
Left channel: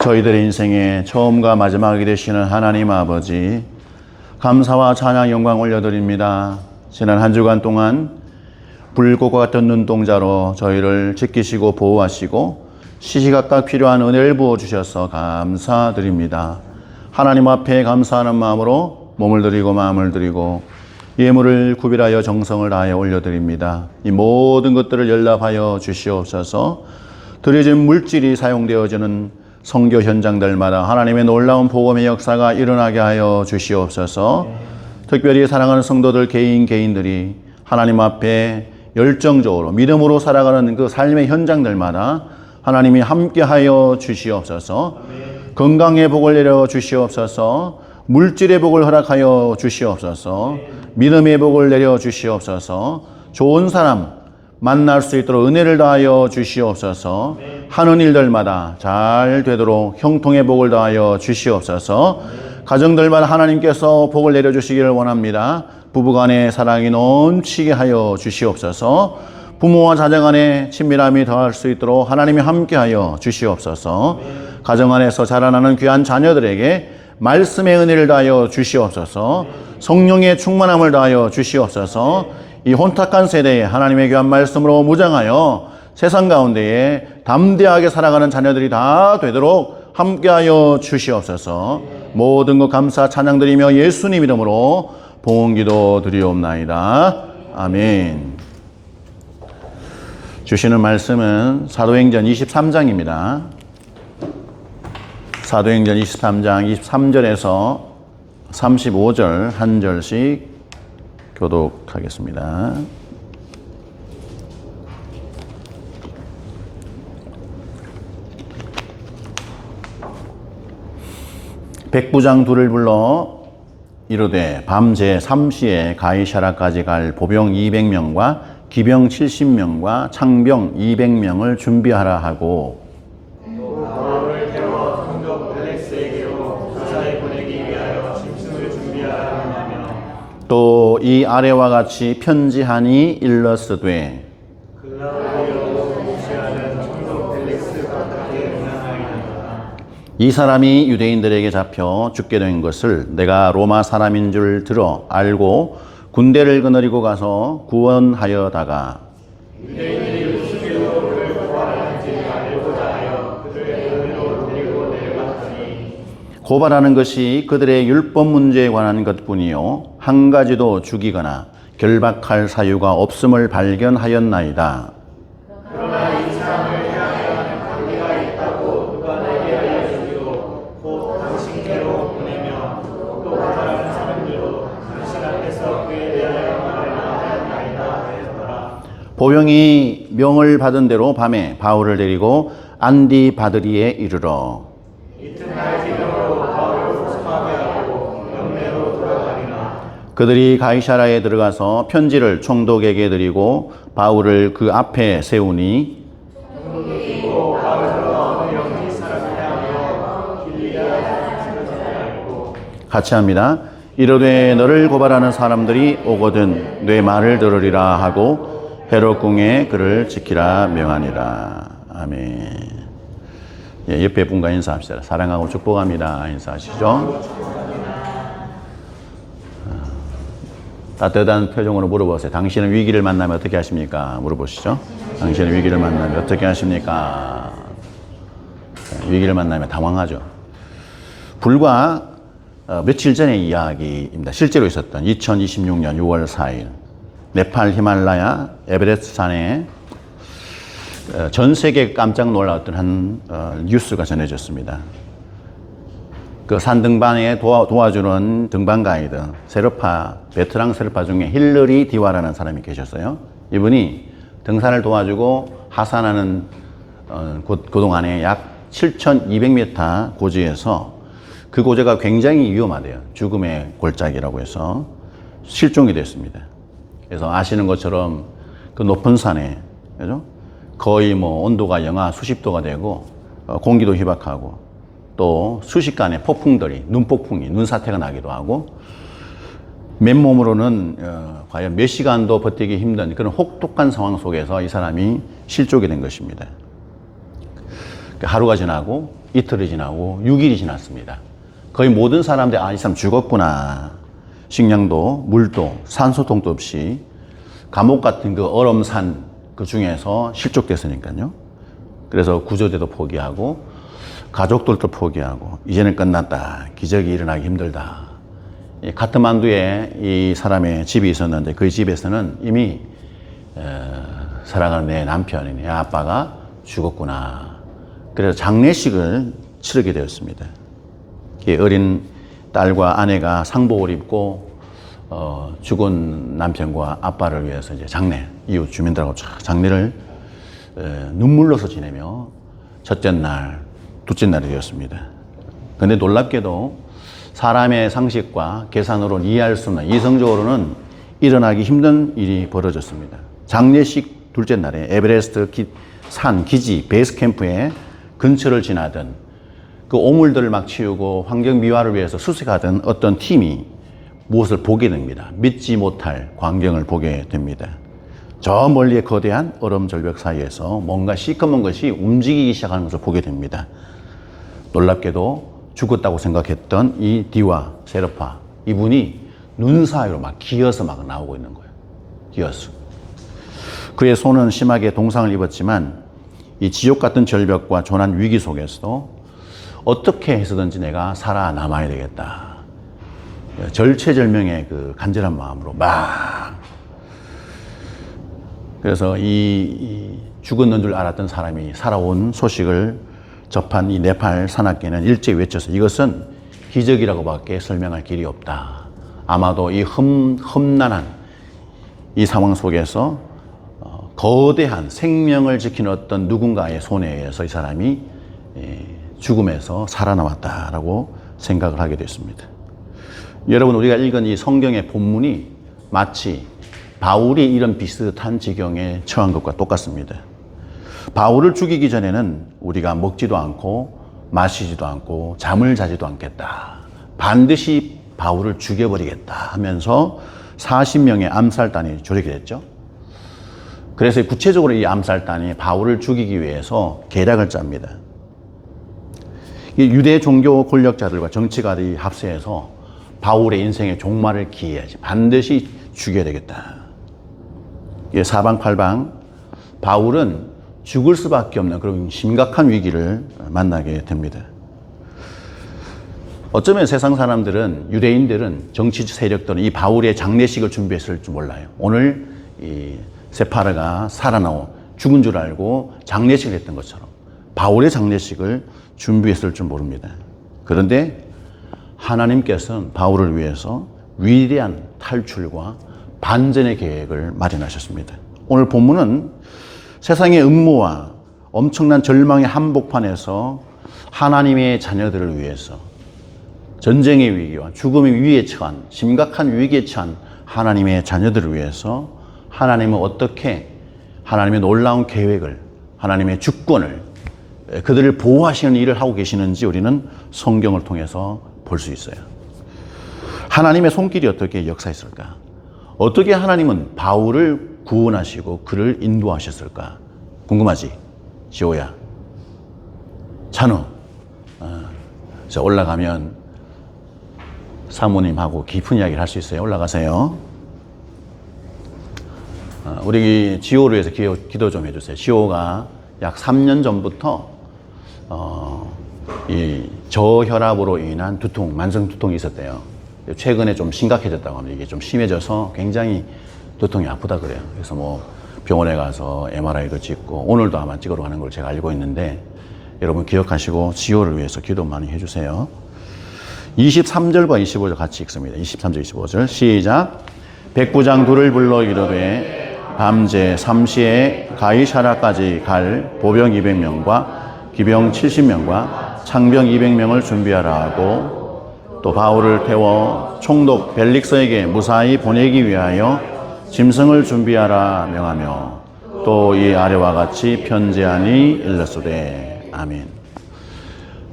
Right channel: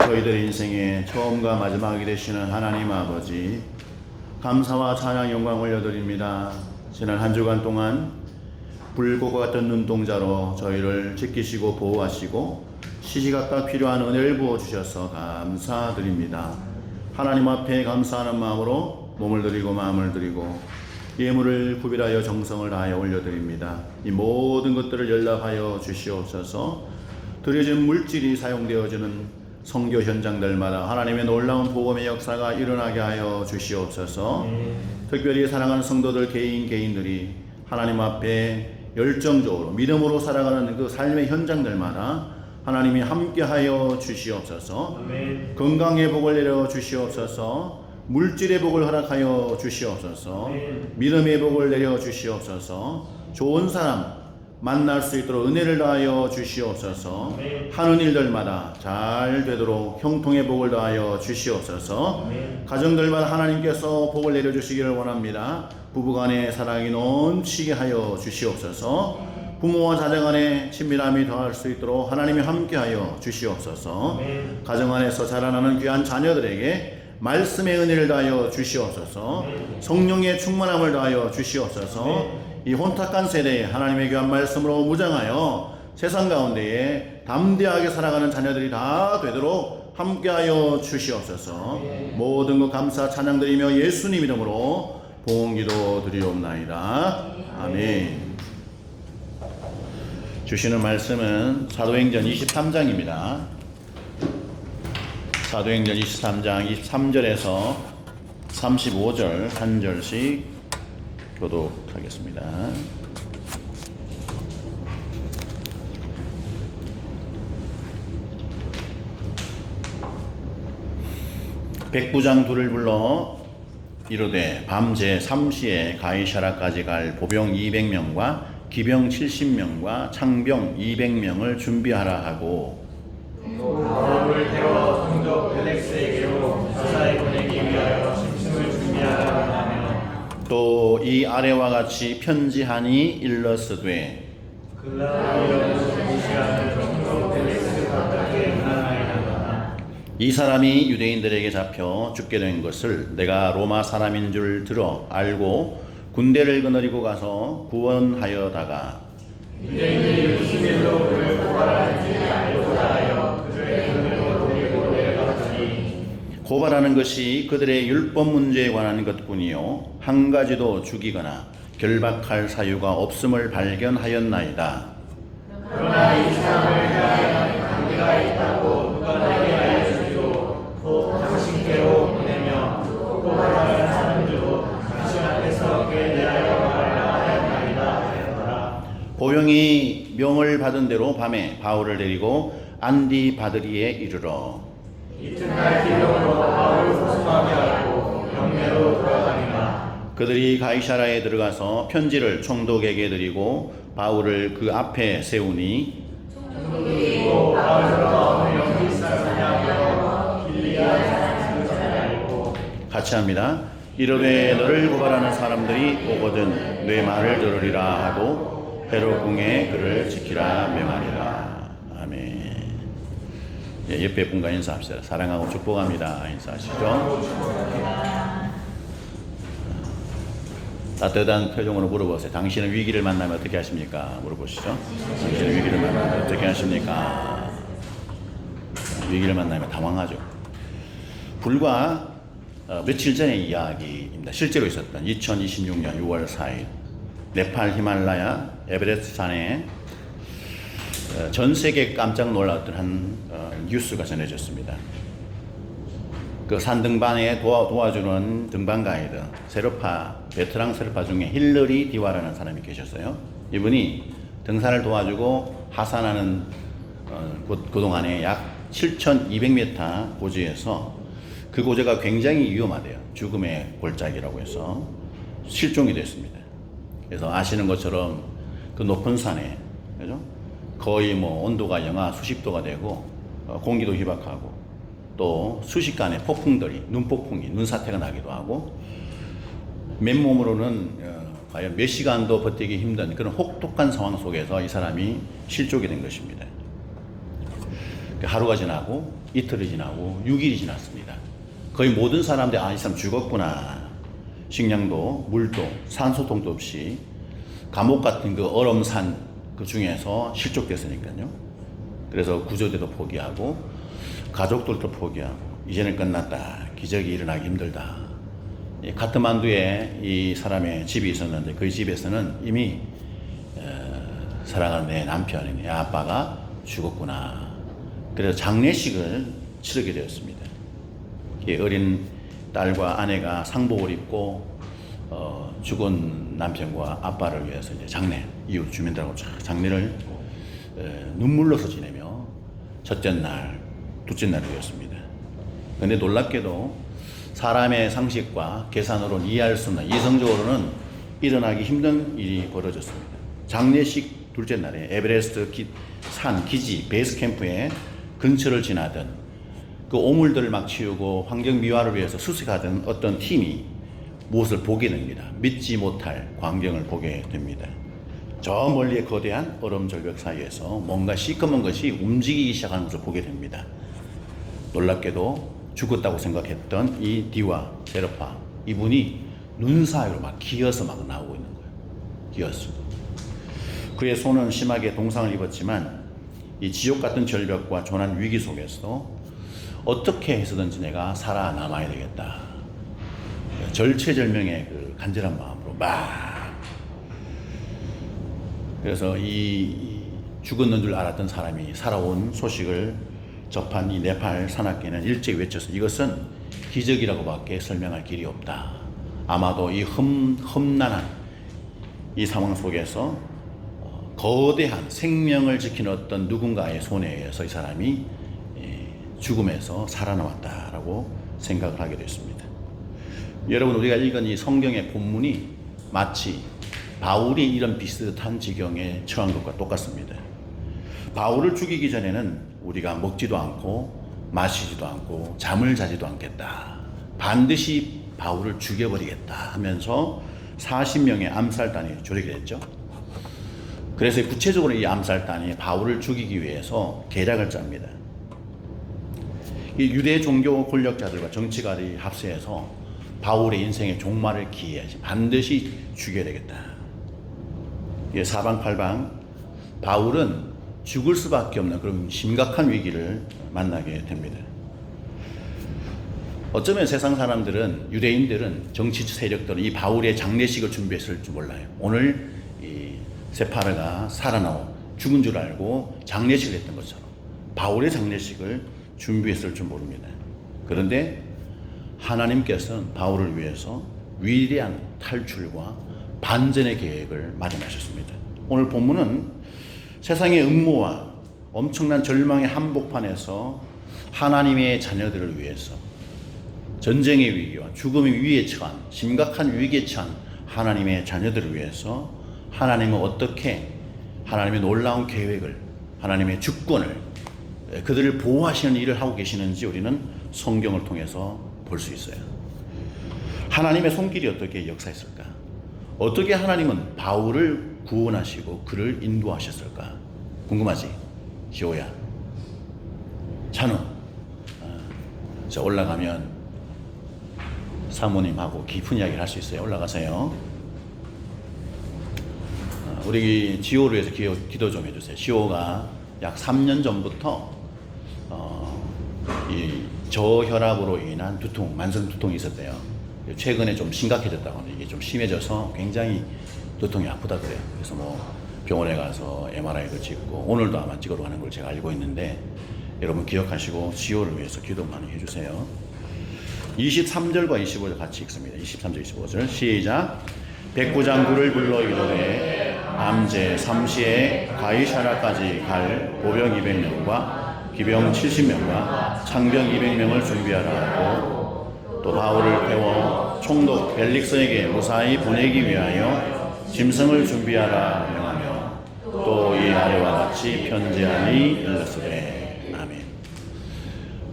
저희들의 인생의 처음과 마지막이 되시는 하나님 아버지, 감사와 찬양 영광 올려드립니다. 지난 한 주간 동안 불꽃과 같은 눈동자로 저희를 지키시고 보호하시고 시시각각 필요한 은혜를 부어주셔서 감사드립니다. 하나님 앞에 감사하는 마음으로 몸을 드리고 마음을 드리고 예물을 구별하여 정성을 다하여 올려드립니다. 이 모든 것들을 연락하여 주시옵소서. 드려진 물질이 사용되어지는 선교 현장들마다 하나님의 놀라운 복음의 역사가 일어나게 하여 주시옵소서. 특별히 사랑하는 성도들 개인들이 하나님 앞에 열정적으로 믿음으로 살아가는 그 삶의 현장들마다 하나님이 함께하여 주시옵소서. 건강의 복을 내려 주시옵소서. 물질의 복을 허락하여 주시옵소서. 믿음의 복을 내려 주시옵소서. 좋은 사람 만날 수 있도록 은혜를 다하여 주시옵소서. 하는 일들마다 잘 되도록 형통의 복을 다하여 주시옵소서. 가정들마다 하나님께서 복을 내려주시기를 원합니다. 부부간의 사랑이 넘치게 하여 주시옵소서. 부모와 자녀 간의 친밀함이 더할 수 있도록 하나님이 함께하여 주시옵소서. 가정 안에서 자라나는 귀한 자녀들에게 말씀의 은혜를 다하여 주시옵소서. 성령의 충만함을 다하여 주시옵소서. 이 혼탁한 세대에 하나님의 귀한 말씀으로 무장하여 세상 가운데에 담대하게 살아가는 자녀들이 다 되도록 함께하여 주시옵소서. 모든 것 감사 찬양드리며 예수님 이름으로 봉헌기도 드리옵나이다. 아멘. 주시는 말씀은 사도행전 23장입니다. 사도행전 23장 23절에서 35절 한 절씩 교독하겠습니다. 백부장 둘을 불러 이르되 밤 제3시에 가이사라까지 갈 보병 200명과 기병 70명과 창병 200명을 준비하라 하고 바울을 태워 성도 펠릭스에게로 무사히 보내기 위하여 짐승을 준비하라 하며 또 이 아래와 같이 편지하니 일러스되 이 사람이 유대인들에게 잡혀 죽게 된 것을 내가 로마 사람인 줄 들어 알고 군대를 거느리고 가서 구원하여다가 고발하는 것이 그들의 율법 문제에 관한 것뿐이요 한 가지도 죽이거나 결박할 사유가 없음을 발견하였나이다. 그러나 이 사람을 향하여 관계가 있다고 누가 내게 알려주기로 곧 당신께로 보내며 고발하는 사람들도 당신 앞에서 그에 대하여 말하라 하였나이다 하였더라. 보병이 명을 받은 대로 밤에 바울을 데리고 안디바드리에 이르러 이튿날 기병으로 바울을 소송하게 하고 영내로 돌아가리나 그들이 가이사라에 들어가서 편지를 총독에게 드리고 바울을 그 앞에 세우니 같이 합니다. 이르되 너를 고발하는 사람들이 오거든 내 말을 들으리라 하고 헤롯 궁에 그를 지키라 명하니라. 아멘. 예, 옆에 분과 인사합시다. 사랑하고 축복합니다. 인사하시죠. 따뜻한 표정으로 물어보세요. 당신은 위기를 만나면 어떻게 하십니까? 물어보시죠. 당신은 위기를 만나면 어떻게 하십니까? 위기를 만나면 당황하죠. 불과 며칠 전의 이야기입니다. 실제로 있었던 2026년 6월 4일 네팔 히말라야 에베레스트 산에 전 세계 깜짝 놀랐던 한 뉴스가 전해졌습니다. 그 산 등반에 도와주는 등반 가이드 베테랑 세르파 중에 힐러리 디와라는 사람이 계셨어요. 이분이 등산을 도와주고 하산하는 그동안에 약 7,200m 고지에서 그 고지가 굉장히 위험하대요. 죽음의 골짜기라고 해서 실종이 됐습니다. 그래서 아시는 것처럼 그 높은 산에, 그죠? 거의 뭐 온도가 영하 수십 도가 되고 공기도 희박하고 또 순식간에 폭풍들이, 눈폭풍이, 눈사태가 나기도 하고 맨몸으로는 과연 몇 시간도 버티기 힘든 그런 혹독한 상황 속에서 이 사람이 실종이 된 것입니다. 하루가 지나고 이틀이 지나고 6일이 지났습니다. 거의 모든 사람들이 이 사람 죽었구나. 식량도 물도 산소통도 없이 감옥 같은 그 얼음산 그 중에서 실족됐으니까요. 그래서 구조대도 포기하고 가족들도 포기하고 이제는 끝났다. 기적이 일어나기 힘들다. 카트만두에 이 사람의 집이 있었는데 그 집에서는 이미 살아가는 내 남편이 내 아빠가 죽었구나. 그래서 장례식을 치르게 되었습니다. 어린 딸과 아내가 상복을 입고 죽은 남편과 아빠를 위해서 이제 장례, 이웃 주민들하고 장례를 눈물로서 지내며 첫째 날, 둘째 날이 되었습니다. 그런데 놀랍게도 사람의 상식과 계산으로는 이해할 수 없는, 이성적으로는 일어나기 힘든 일이 벌어졌습니다. 장례식 둘째 날에 에베레스트 산 기지 베이스 캠프에 근처를 지나던 그 오물들을 막 치우고 환경 미화를 위해서 수색하던 어떤 팀이 무엇을 보게 됩니다. 믿지 못할 광경을 보게 됩니다. 저 멀리의 거대한 얼음 절벽 사이에서 뭔가 시커먼 것이 움직이기 시작하는 것을 보게 됩니다. 놀랍게도 죽었다고 생각했던 이 디와 세르파, 이분이 눈 사이로 막 기어서 막 나오고 있는 거예요. 기어서. 그의 손은 심하게 동상을 입었지만 이 지옥 같은 절벽과 조난 위기 속에서도 어떻게 해서든지 내가 살아남아야 되겠다. 절체절명의 그 간절한 마음으로 막. 그래서 이 죽었는 줄 알았던 사람이 살아온 소식을 접한 이 네팔 산악계는 일제히 외쳐서 이것은 기적이라고밖에 설명할 길이 없다. 아마도 이 험난한 이 상황 속에서 거대한 생명을 지키는 어떤 누군가의 손에 의해서 이 사람이 죽음에서 살아남았다라고 생각을 하게 됐습니다. 여러분, 우리가 읽은 이 성경의 본문이 마치 바울이 이런 비슷한 지경에 처한 것과 똑같습니다. 바울을 죽이기 전에는 우리가 먹지도 않고 마시지도 않고 잠을 자지도 않겠다. 반드시 바울을 죽여버리겠다 하면서 40명의 암살단이 조직이 됐죠. 그래서 구체적으로 이 암살단이 바울을 죽이기 위해서 계략을 짭니다. 이 유대 종교 권력자들과 정치가들이 합세해서 바울의 인생의 종말을 기해야지. 반드시 죽여야 되겠다. 사방팔방 바울은 죽을 수밖에 없는 그런 심각한 위기를 만나게 됩니다. 어쩌면 세상 사람들은, 유대인들은, 정치 세력들은 이 바울의 장례식을 준비했을 줄 몰라요. 오늘 이 세파르가 살아나오 죽은 줄 알고 장례식을 했던 것처럼 바울의 장례식을 준비했을 줄 모릅니다. 그런데 하나님께서는 바울을 위해서 위대한 탈출과 반전의 계획을 마련하셨습니다. 오늘 본문은 세상의 음모와 엄청난 절망의 한복판에서 하나님의 자녀들을 위해서 전쟁의 위기와 죽음의 위기에 처한, 심각한 위기에 처한 하나님의 자녀들을 위해서 하나님은 어떻게 하나님의 놀라운 계획을, 하나님의 주권을, 그들을 보호하시는 일을 하고 계시는지 우리는 성경을 통해서 볼 수 있어요. 하나님의 손길이 어떻게 역사했을까? 어떻게 하나님은 바울을 구원하시고 그를 인도하셨을까? 궁금하지? 시호야, 찬우, 저 올라가면 사모님하고 깊은 이야기를 할 수 있어요. 올라가세요. 우리 지호를 위해서 기도 좀 해주세요. 지호가 약 3년 전부터 이 저혈압으로 인한 두통, 만성 두통이 있었대요. 최근에 좀 심각해졌다고 합니다. 이게 좀 심해져서 굉장히 두통이 아프다 그래요. 그래서 뭐 병원에 가서 MRI도 찍고 오늘도 아마 찍으러 가는 걸 제가 알고 있는데 여러분 기억하시고 지호를 위해서 기도 많이 해주세요. 23절과 25절 같이 읽습니다. 23절, 25절 시작. 백부장들을 불러 이르되 밤새 3시에 가이사라까지 갈 보병 200명과 기병 70명과 창병 200명을 준비하라 하고 또 바울을 태워 총독 벨릭서에게 무사히 보내기 위하여 짐승을 준비하라 명하며 또 이 아래와 같이 편지하니 일렀으되 아멘.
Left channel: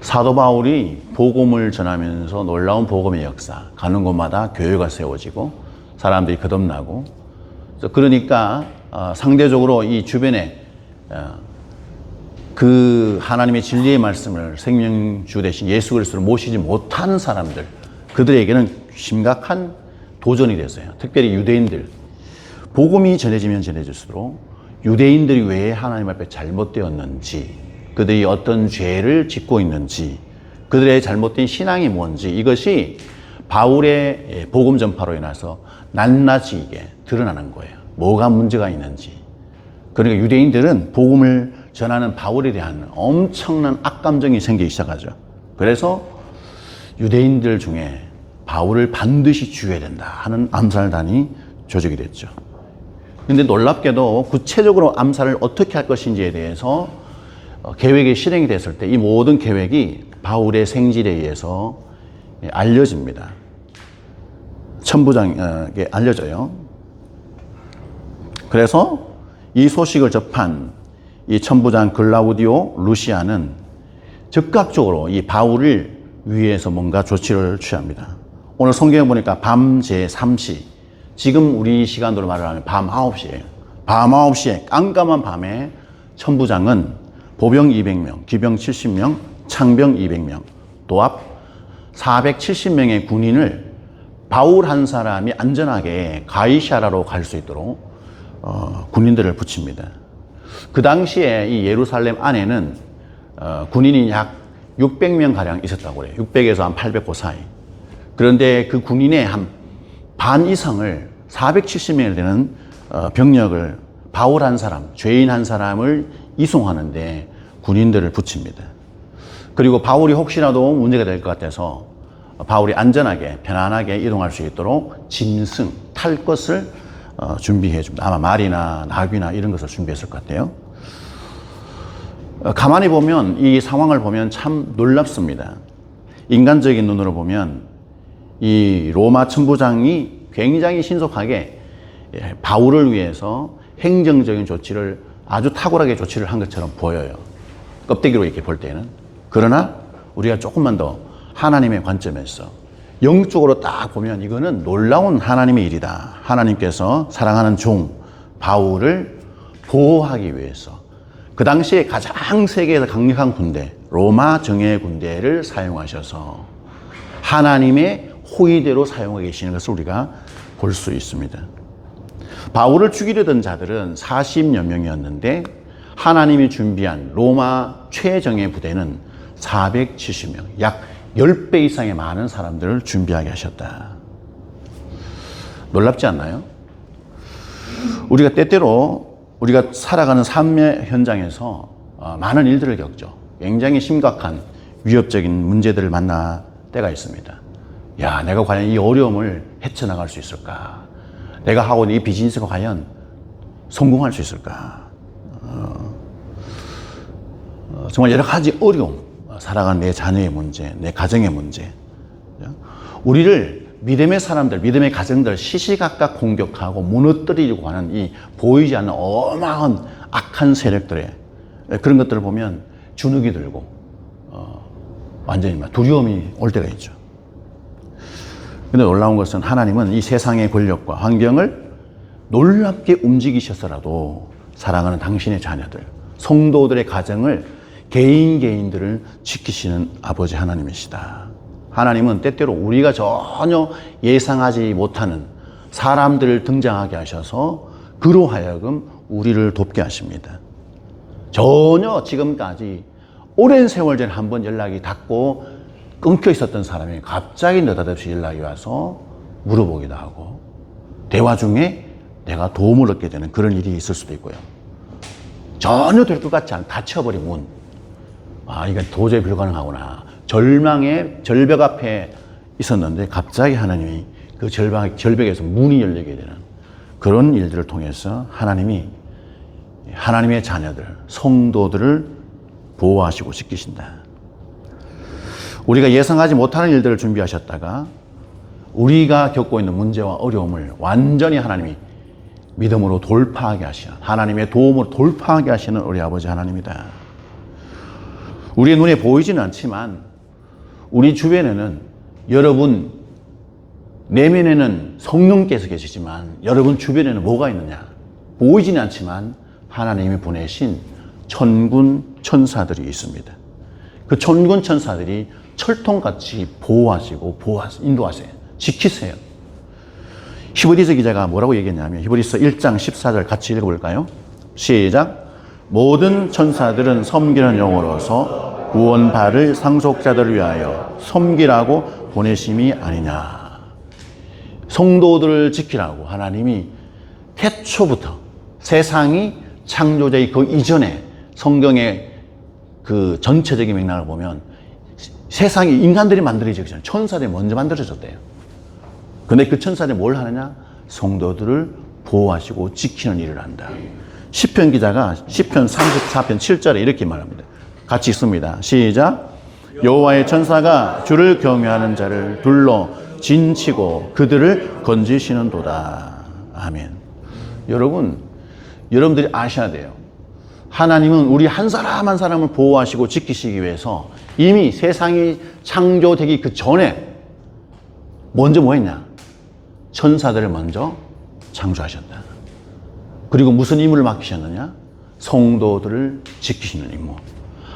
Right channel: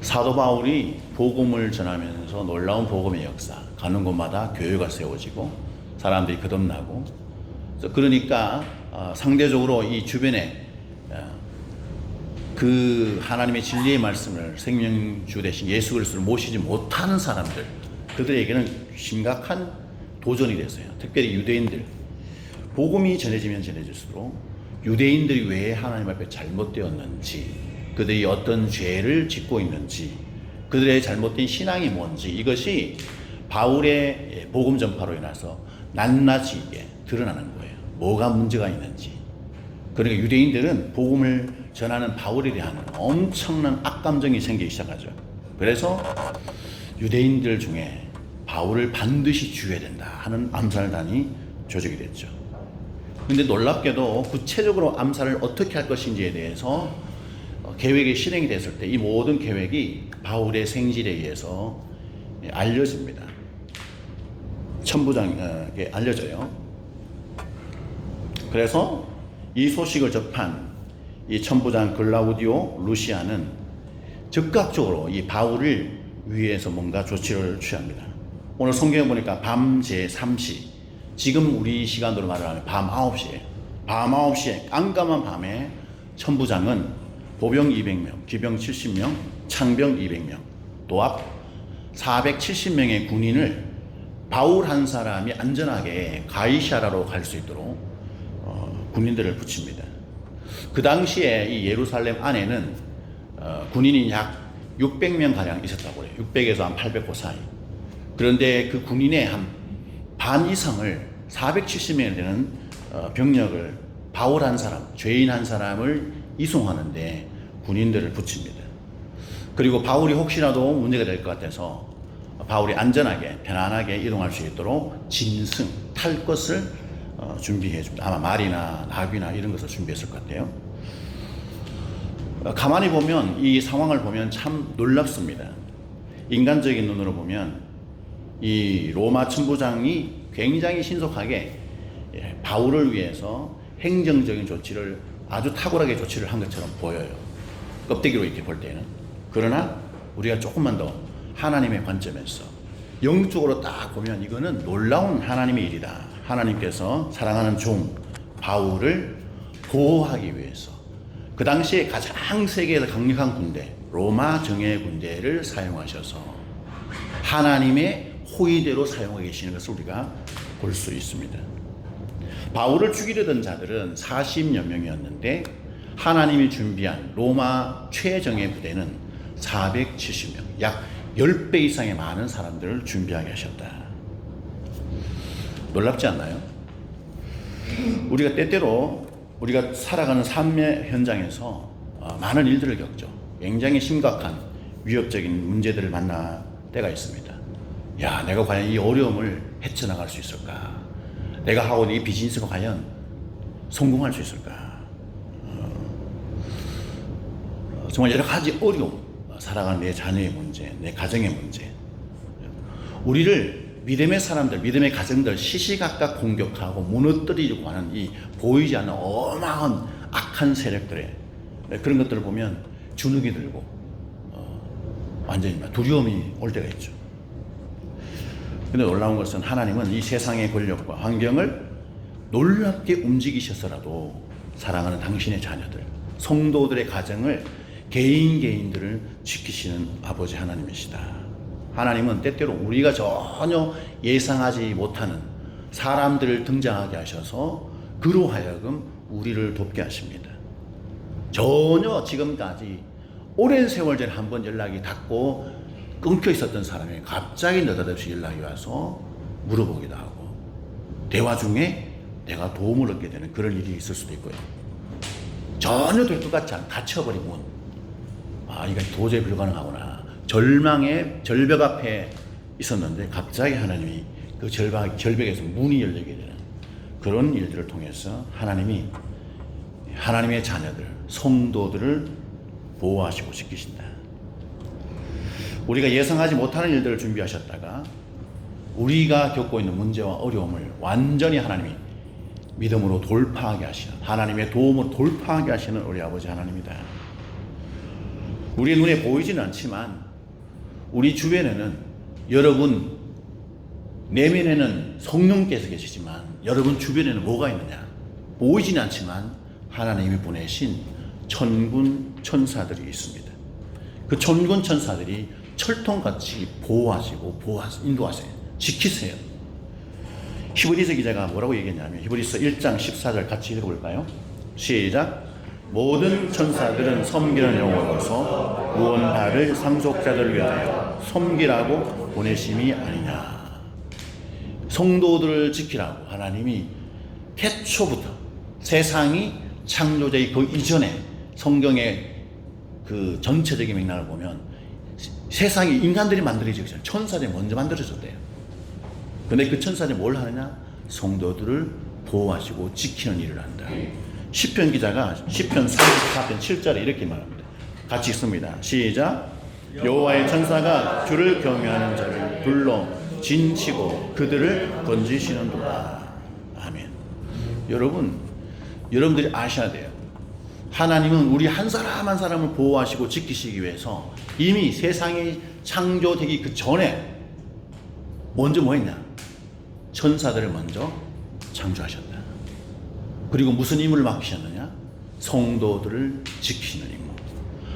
사도 바울이 복음을 전하면서 놀라운 복음의 역사, 가는 곳마다 교회가 세워지고 사람들이 거듭나고, 그러니까 상대적으로 이 주변에 그 하나님의 진리의 말씀을 생명주 되신 예수 그리스도를 모시지 못하는 사람들, 그들에게는 심각한 도전이 됐어요. 특별히 유대인들. 복음이 전해지면 전해질수록 유대인들이 왜 하나님 앞에 잘못되었는지, 그들이 어떤 죄를 짓고 있는지, 그들의 잘못된 신앙이 뭔지, 이것이 바울의 복음 전파로 인해서 낱낱이 이게 드러나는 거예요. 뭐가 문제가 있는지. 그러니까 유대인들은 복음을 전하는 바울에 대한 엄청난 악감정이 생기기 시작하죠. 그래서 유대인들 중에 바울을 반드시 죽여야 된다 하는 암살단이 조직이 됐죠. 근데 놀랍게도 구체적으로 암살을 어떻게 할 것인지에 대해서 계획이 실행이 됐을 때 이 모든 계획이 바울의 생질에 의해서 알려집니다. 천부장에게 알려져요. 그래서 이 소식을 접한 이 천부장 글라우디오 루시아는 즉각적으로 이 바울을 위해서 뭔가 조치를 취합니다. 오늘 성경에 보니까 밤 제 3시, 지금 우리 시간으로 말을 하면 밤 9시에요. 밤 9시에 깜깜한 밤에 천부장은 보병 200명, 기병 70명, 창병 200명, 도합 470명의 군인을 바울 한 사람이 안전하게 가이사라로 갈 수 있도록 군인들을 붙입니다. 그 당시에 이 예루살렘 안에는 군인이 약 600명 가량 있었다고 해요. 600에서 한 800 그 사이. 그런데 그 군인의 한 반 이상을 470명이 되는 병력을 바울 한 사람, 죄인 한 사람을 이송하는데 군인들을 붙입니다. 그리고 바울이 혹시라도 문제가 될 것 같아서 바울이 안전하게 편안하게 이동할 수 있도록 짐승, 탈 것을 준비해 줍니다. 아마 말이나 나귀나 이런 것을 준비했을 것 같아요. 가만히 보면 이 상황을 보면 참 놀랍습니다. 인간적인 눈으로 보면 이 로마 천부장이 굉장히 신속하게 바울을 위해서 행정적인 조치를 아주 탁월하게 조치를 한 것처럼 보여요. 껍데기로 이렇게 볼 때는. 그러나 우리가 조금만 더 하나님의 관점에서 영적으로 딱 보면 이거는 놀라운 하나님의 일이다. 하나님께서 사랑하는 종 바울을 보호하기 위해서 그 당시에 가장 세계에서 강력한 군대, 로마 정예 군대를 사용하셔서 하나님의 호의대로 사용하고 계시는 것을 우리가 볼 수 있습니다. 바울을 죽이려던 자들은 40여 명이었는데 하나님이 준비한 로마 최정예 부대는 470명, 약 10배 이상의 많은 사람들을 준비하게 하셨다. 놀랍지 않나요? 우리가 때때로 우리가 살아가는 삶의 현장에서 많은 일들을 겪죠. 굉장히 심각한 위협적인 문제들을 만날 때가 있습니다. 야, 내가 과연 이 어려움을 헤쳐나갈 수 있을까? 내가 하고 있는 이 비즈니스가 과연 성공할 수 있을까? 정말 여러 가지 어려움, 살아가는 내 자녀의 문제, 내 가정의 문제. 우리를 믿음의 사람들, 믿음의 가정들 시시각각 공격하고 무너뜨리려고 하는 이 보이지 않는 어마어마한 악한 세력들의 그런 것들을 보면 주눅이 들고 완전히 두려움이 올 때가 있죠. 근데 놀라운 것은 하나님은 이 세상의 권력과 환경을 놀랍게 움직이셔서라도 사랑하는 당신의 자녀들, 성도들의 가정을 개인들을 지키시는 아버지 하나님이시다. 하나님은 때때로 우리가 전혀 예상하지 못하는 사람들을 등장하게 하셔서 그로 하여금 우리를 돕게 하십니다. 전혀 지금까지 오랜 세월 전에 한 번 연락이 닿고 끊겨 있었던 사람이 갑자기 느닷없이 연락이 와서 물어보기도 하고, 대화 중에 내가 도움을 얻게 되는 그런 일이 있을 수도 있고요. 전혀 될 것 같지 않은 닫혀버린 문. 아, 이건 도저히 불가능하구나. 절망의 절벽 앞에 있었는데 갑자기 하나님이 그 절벽에서 문이 열리게 되는 그런 일들을 통해서 하나님이 하나님의 자녀들, 성도들을 보호하시고 지키신다. 우리가 예상하지 못하는 일들을 준비하셨다가 우리가 겪고 있는 문제와 어려움을 완전히 하나님이 믿음으로 돌파하게 하시는, 하나님의 도움으로 돌파하게 하시는 우리 아버지 하나님이다. 우리의 눈에 보이지는 않지만 우리 주변에는, 여러분 내면에는 성령께서 계시지만 여러분 주변에는 뭐가 있느냐? 보이지는 않지만 하나님이 보내신 천군 천사들이 있습니다. 그 천군 천사들이 철통같이 보호하시고 인도하세요. 지키세요. 히브리서 기자가 뭐라고 얘기했냐면, 히브리서 1장 14절 같이 읽어볼까요? 시작. 모든 천사들은 섬기는 영으로서 구원받을 상속자들을 위하여 섬기라고 보내심이 아니냐. 성도들을 지키라고 하나님이 태초부터, 세상이 창조되기 그 이전에 성경의 그 전체적인 맥락을 보면 세상이 인간들이 만들어지기 전에 천사들이 먼저 만들어졌대요. 근데 그 천사들이 뭘 하느냐? 성도들을 보호하시고 지키는 일을 한다. 시편 기자가 시편 34편 7절에 이렇게 말합니다. 같이 읽습니다. 시작. 여호와의 천사가 주를 경외하는 자를 둘러 진치고 그들을 건지시는도다. 아멘. 여러분들이 아셔야 돼요. 하나님은 우리 한 사람 한 사람을 보호하시고 지키시기 위해서 이미 세상이 창조되기 그 전에 먼저 뭐 했냐? 천사들을 먼저 창조하셨다. 그리고 무슨 임무를 맡기셨느냐? 성도들을 지키시는 임무.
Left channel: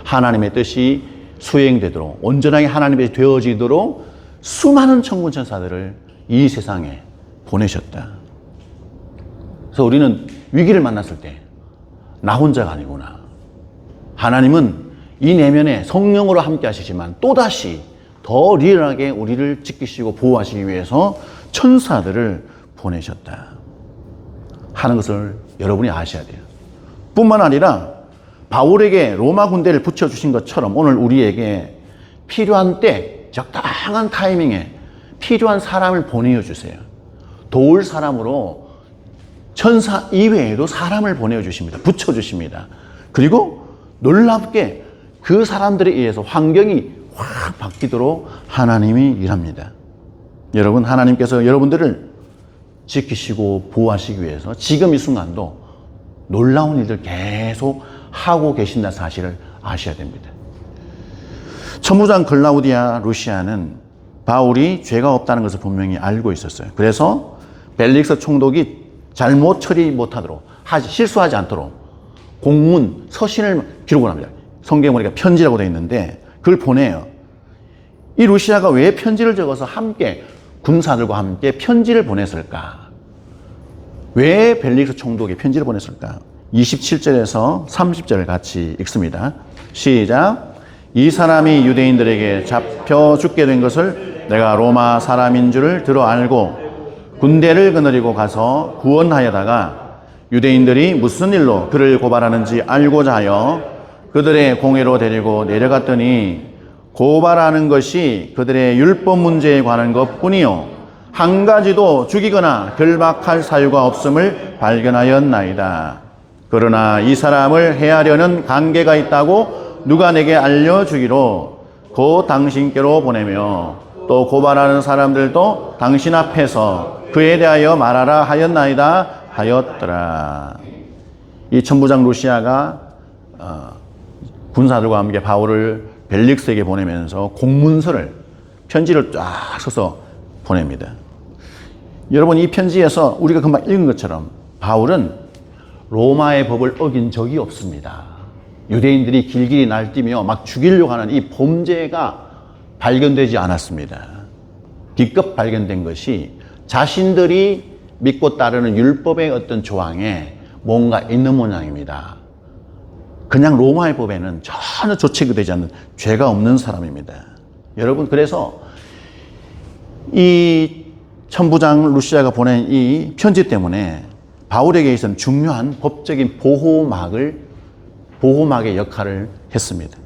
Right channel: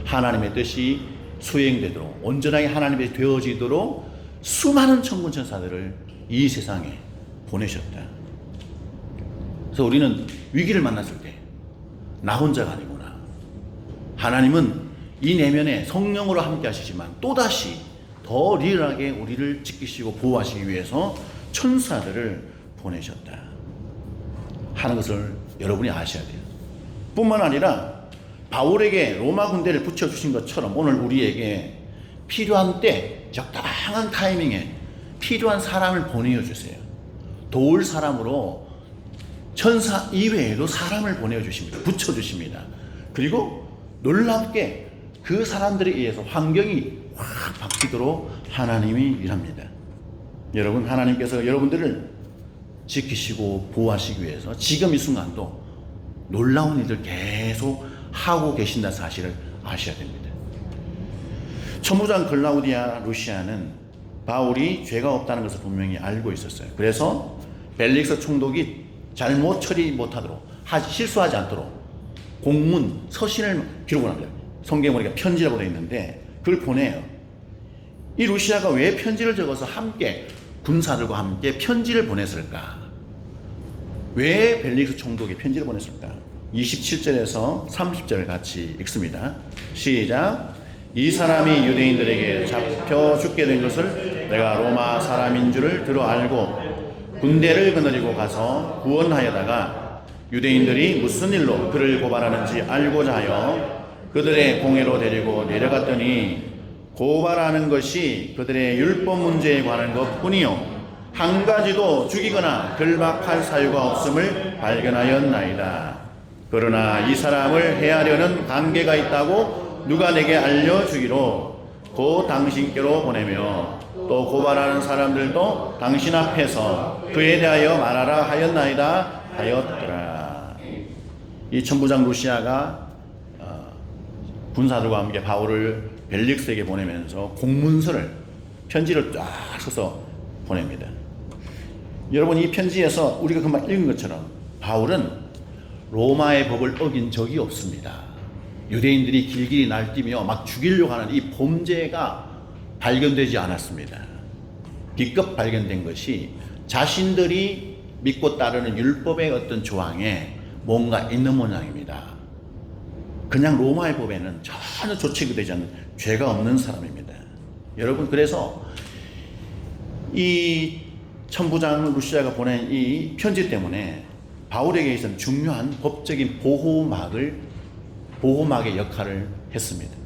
하나님의 뜻이 수행되도록, 온전하게 하나님의 되어지도록 수많은 천군 천사들을 이 세상에 보내셨다. 그래서 우리는 위기를 만났을 때 나 혼자가 아니구나. 하나님은 이 내면에 성령으로 함께 하시지만 또다시 더 리얼하게 우리를 지키시고 보호하시기 위해서 천사들을 보내셨다 하는 것을 여러분이 아셔야 돼요. 뿐만 아니라 바울에게 로마 군대를 붙여주신 것처럼 오늘 우리에게 필요한 때, 적당한 타이밍에 필요한 사람을 보내주세요. 도울 사람으로 천사 이외에도 사람을 보내주십니다. 붙여주십니다. 그리고 놀랍게 그 사람들에 의해서 환경이 확 바뀌도록 하나님이 일합니다. 여러분, 하나님께서 여러분들을 지키시고 보호하시기 위해서 지금 이 순간도 놀라운 일들 계속 하고 계신다는 사실을 아셔야 됩니다. 천부장 클라우디아 루시아는 바울이 죄가 없다는 것을 분명히 알고 있었어요. 그래서 벨릭스 총독이 잘못 처리 못하도록, 실수하지 않도록 공문, 서신을 기록을 합니다. 성경에 보니까 편지라고 되어 있는데 그걸 보내요. 이 루시아가 왜 편지를 적어서 함께 군사들과 함께 편지를 보냈을까? 왜 벨릭스 총독이 편지를 보냈을까? 27절에서 30절을 같이 읽습니다. 시작. 이 사람이 유대인들에게 잡혀 죽게 된 것을 내가 로마 사람인 줄을 들어 알고 군대를 거느리고 가서 구원하여다가 유대인들이 무슨 일로 그를 고발하는지 알고자 하여 그들의 공회로 데리고 내려갔더니 고발하는 것이 그들의 율법 문제에 관한 것뿐이요 한 가지도 죽이거나 결박할 사유가 없음을 발견하였나이다. 그러나 이 사람을 해하려는 관계가 있다고 누가 내게 알려주기로 곧 당신께로 보내며 또 고발하는 사람들도 당신 앞에서 그에 대하여 말하라 하였나이다 하였더라. 이 천부장 루시아가 군사들과 함께 바울을 벨릭스에게 보내면서 공문서를, 편지를 쫙 써서 보냅니다. 여러분, 이 편지에서 우리가 금방 읽은 것처럼 바울은 로마의 법을 어긴 적이 없습니다. 유대인들이 길길이 날뛰며 막 죽이려고 하는 이 범죄가 발견되지 않았습니다. 기껏 발견된 것이 자신들이 믿고 따르는 율법의 어떤 조항에 뭔가 있는 모양입니다. 그냥 로마의 법에는 전혀 조치가 되지 않는 죄가 없는 사람입니다. 여러분, 그래서 이 천부장 루시아가 보낸 이 편지 때문에 바울에게 있어서는 중요한 법적인 보호막의 역할을 했습니다.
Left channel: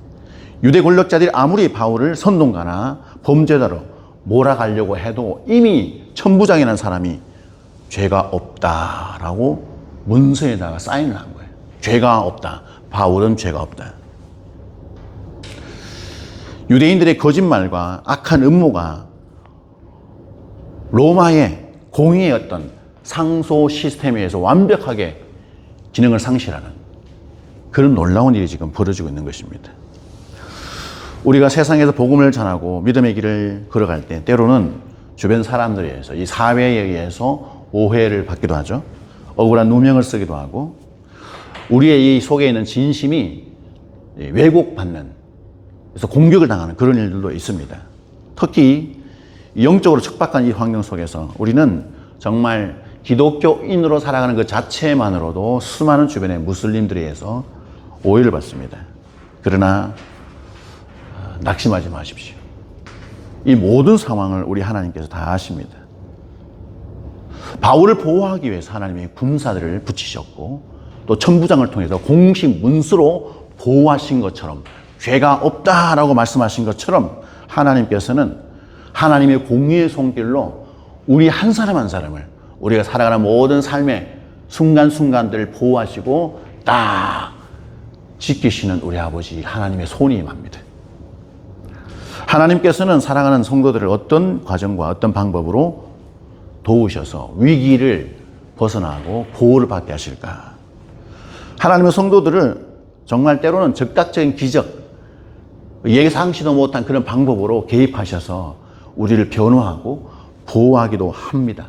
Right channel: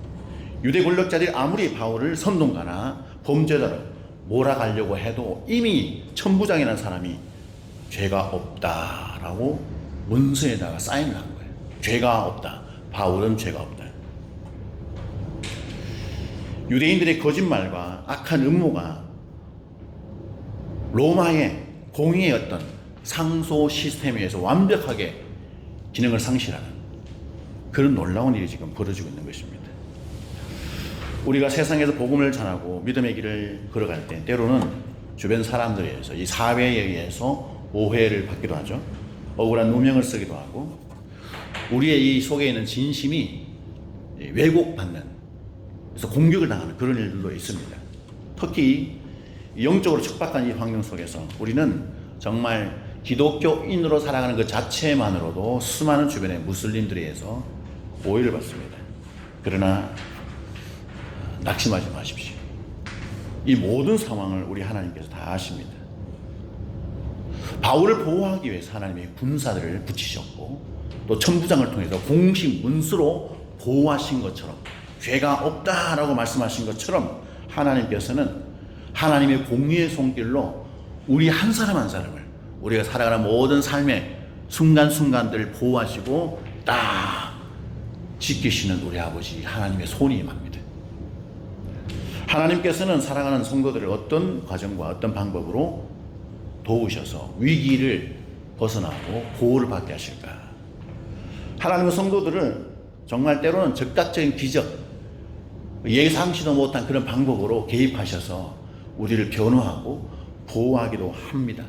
유대 권력자들이 아무리 바울을 선동가나 범죄자로 몰아가려고 해도 이미 천부장이라는 사람이 죄가 없다라고 문서에다가 사인을 한 거예요. 죄가 없다. 바울은 죄가 없다. 유대인들의 거짓말과 악한 음모가 로마의 공의의 어떤 상소 시스템에 의해서 완벽하게 기능을 상실하는 그런 놀라운 일이 지금 벌어지고 있는 것입니다. 우리가 세상에서 복음을 전하고 믿음의 길을 걸어갈 때 때로는 주변 사람들에 의해서 이 사회에 의해서 오해를 받기도 하죠. 억울한 누명을 쓰기도 하고 우리의 이 속에 있는 진심이 왜곡받는, 그래서 공격을 당하는 그런 일들도 있습니다. 특히 영적으로 척박한 이 환경 속에서 우리는 정말 기독교인으로 살아가는 그 자체만으로도 수많은 주변의 무슬림들에 의해서 오해를 받습니다. 그러나 낙심하지 마십시오. 이 모든 상황을 우리 하나님께서 다 아십니다. 바울을 보호하기 위해서 하나님이 군사들을 붙이셨고 또 천부장을 통해서 공식 문서로 보호하신 것처럼 죄가 없다라고 말씀하신 것처럼 하나님께서는 하나님의 공의의 손길로 우리 한 사람 한 사람을 우리가 살아가는 모든 삶의 순간순간들을 보호하시고 딱 지키시는 우리 아버지 하나님의 손이 임합니다. 하나님께서는 살아가는 성도들을 어떤 과정과 어떤 방법으로 도우셔서 위기를 벗어나고 보호를 받게 하실까? 하나님의 성도들을 정말 때로는 즉각적인 기적, 예상치도 못한 그런 방법으로 개입하셔서 우리를 변호하고 보호하기도 합니다.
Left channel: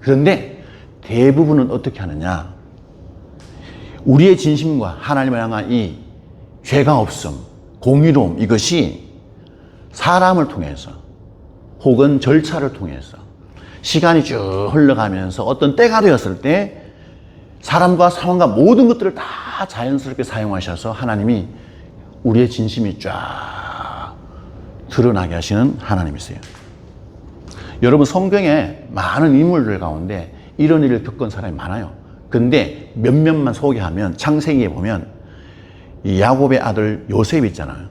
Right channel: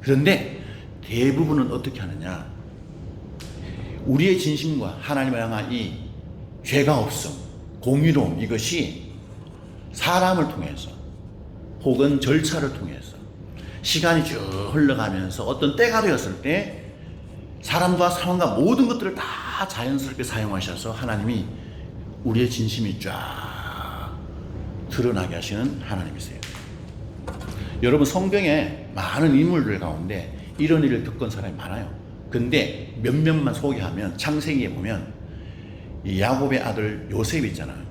그런데 대부분은 어떻게 하느냐? 우리의 진심과 하나님을 향한 이 죄가 없음, 공의로움, 이것이 사람을 통해서 혹은 절차를 통해서 시간이 쭉 흘러가면서 어떤 때가 되었을 때 사람과 상황과 모든 것들을 다 자연스럽게 사용하셔서 하나님이 우리의 진심이 쫙 드러나게 하시는 하나님이세요. 여러분, 성경에 많은 인물들 가운데 이런 일을 겪은 사람이 많아요. 근데 몇몇만 소개하면 창세기에 보면 이 야곱의 아들 요셉 있잖아요.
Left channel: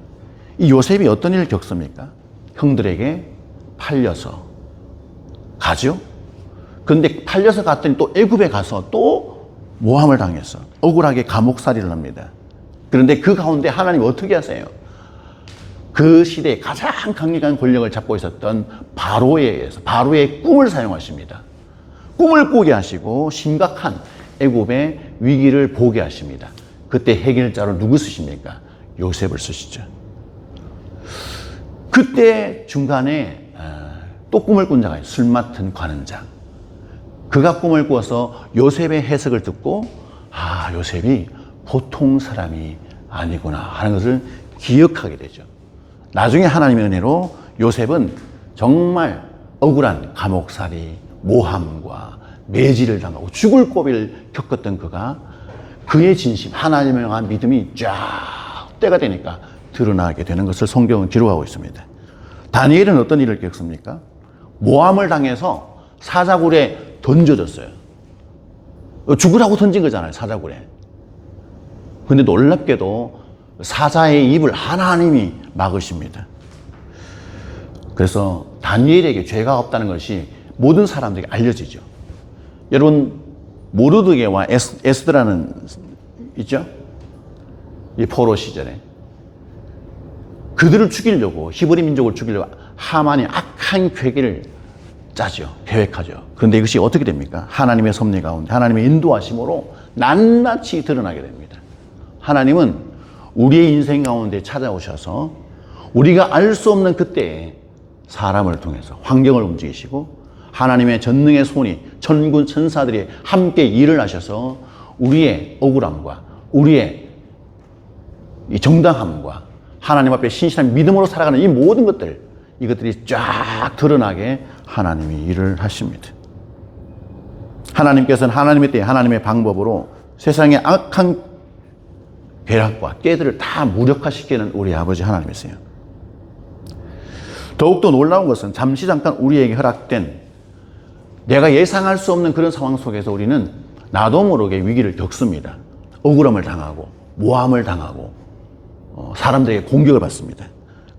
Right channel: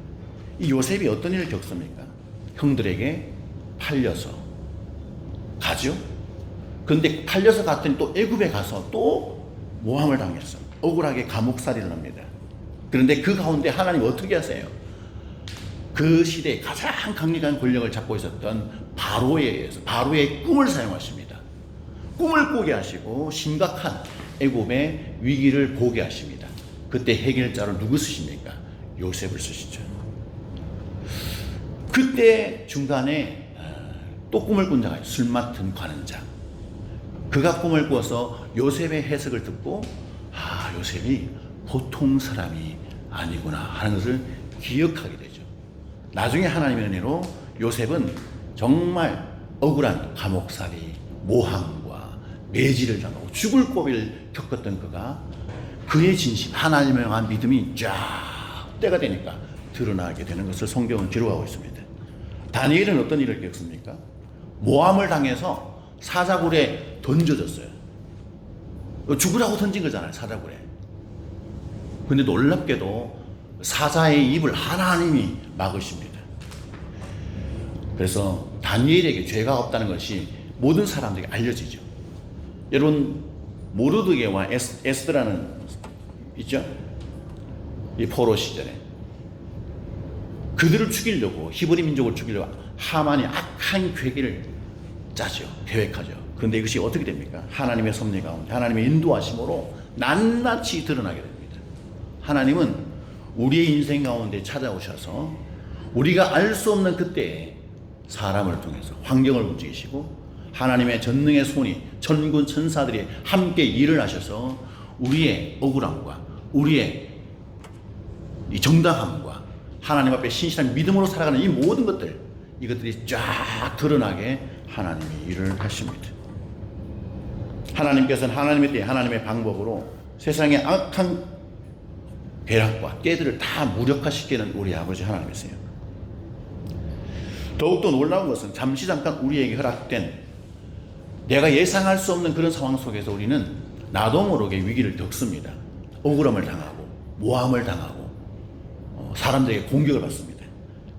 이 요셉이 어떤 일을 겪습니까? 형들에게 팔려서 가죠. 근데 팔려서 갔더니 또 애굽에 가서 또 모함을 당했어. 억울하게 감옥살이를 합니다. 그런데 그 가운데 하나님 어떻게 하세요? 그 시대에 가장 강력한 권력을 잡고 있었던 바로에 의해서 바로의 꿈을 사용하십니다. 꿈을 꾸게 하시고 심각한 애굽의 위기를 보게 하십니다. 그때 해결자로 누구 쓰십니까? 요셉을 쓰시죠. 그때 중간에 또 꿈을 꾼 자가 술 맡은 관원장. 그가 꿈을 꾸어서 요셉의 해석을 듣고 요셉이 보통 사람이 아니구나 하는 것을 기억하게 되죠. 나중에 하나님의 은혜로 요셉은 정말 억울한 감옥살이, 모함과 매질을 당하고 죽을 고비를 겪었던 그가 그의 진심, 하나님을 향한 믿음이 쫙 때가 되니까 드러나게 되는 것을 성경은 기록하고 있습니다. 다니엘은 어떤 일을 겪습니까? 모함을 당해서 사자굴에 던져졌어요. 죽으라고 던진 거잖아요, 사자굴에. 근데 놀랍게도 사자의 입을 하나님이 막으십니다. 그래서 다니엘에게 죄가 없다는 것이 모든 사람들에게 알려지죠. 여러분, 모르드게와 에스더라는 있죠? 이 포로 시절에 그들을 죽이려고, 히브리 민족을 죽이려고 하만이 악한 계획을 짜죠. 계획하죠. 그런데 이것이 어떻게 됩니까? 하나님의 섭리 가운데 하나님의 인도하심으로 낱낱이 드러나게 됩니다. 하나님은 우리의 인생 가운데 찾아오셔서 우리가 알 수 없는 그때에 사람을 통해서 환경을 움직이시고 하나님의 전능의 손이 천군 천사들이 함께 일을 하셔서 우리의 억울함과 우리의 이 정당함과 하나님 앞에 신실한 믿음으로 살아가는 이 모든 것들, 이것들이 쫙 드러나게 하나님이 일을 하십니다. 하나님께서는 하나님의 때 하나님의 방법으로 세상의 악한 괴락과 깨들을 다 무력화시키는 우리 아버지 하나님이세요. 더욱더 놀라운 것은 잠시 잠깐 우리에게 허락된 내가 예상할 수 없는 그런 상황 속에서 우리는 나도 모르게 위기를 겪습니다. 억울함을 당하고 모함을 당하고 사람들에게 공격을 받습니다.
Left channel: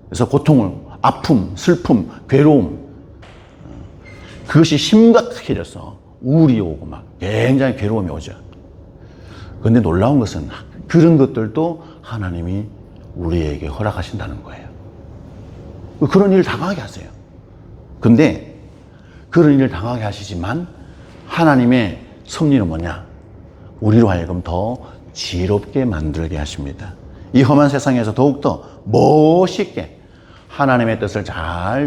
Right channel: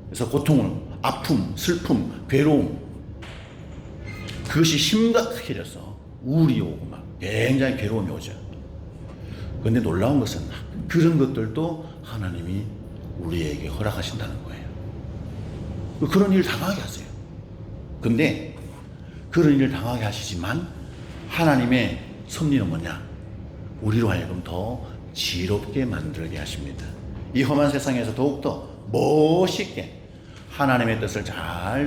그래서 고통을, 아픔, 슬픔, 괴로움, 그것이 심각해져서 우울이 오고 막 굉장히 괴로움이 오죠. 그런데 놀라운 것은 그런 것들도 하나님이 우리에게 허락하신다는 거예요. 그런 일을 당하게 하세요. 근데 그런 일을 당하게 하시지만 하나님의 섭리는 뭐냐? 우리로 하여금 더 지혜롭게 만들게 하십니다. 이 험한 세상에서 더욱더 멋있게 하나님의 뜻을 잘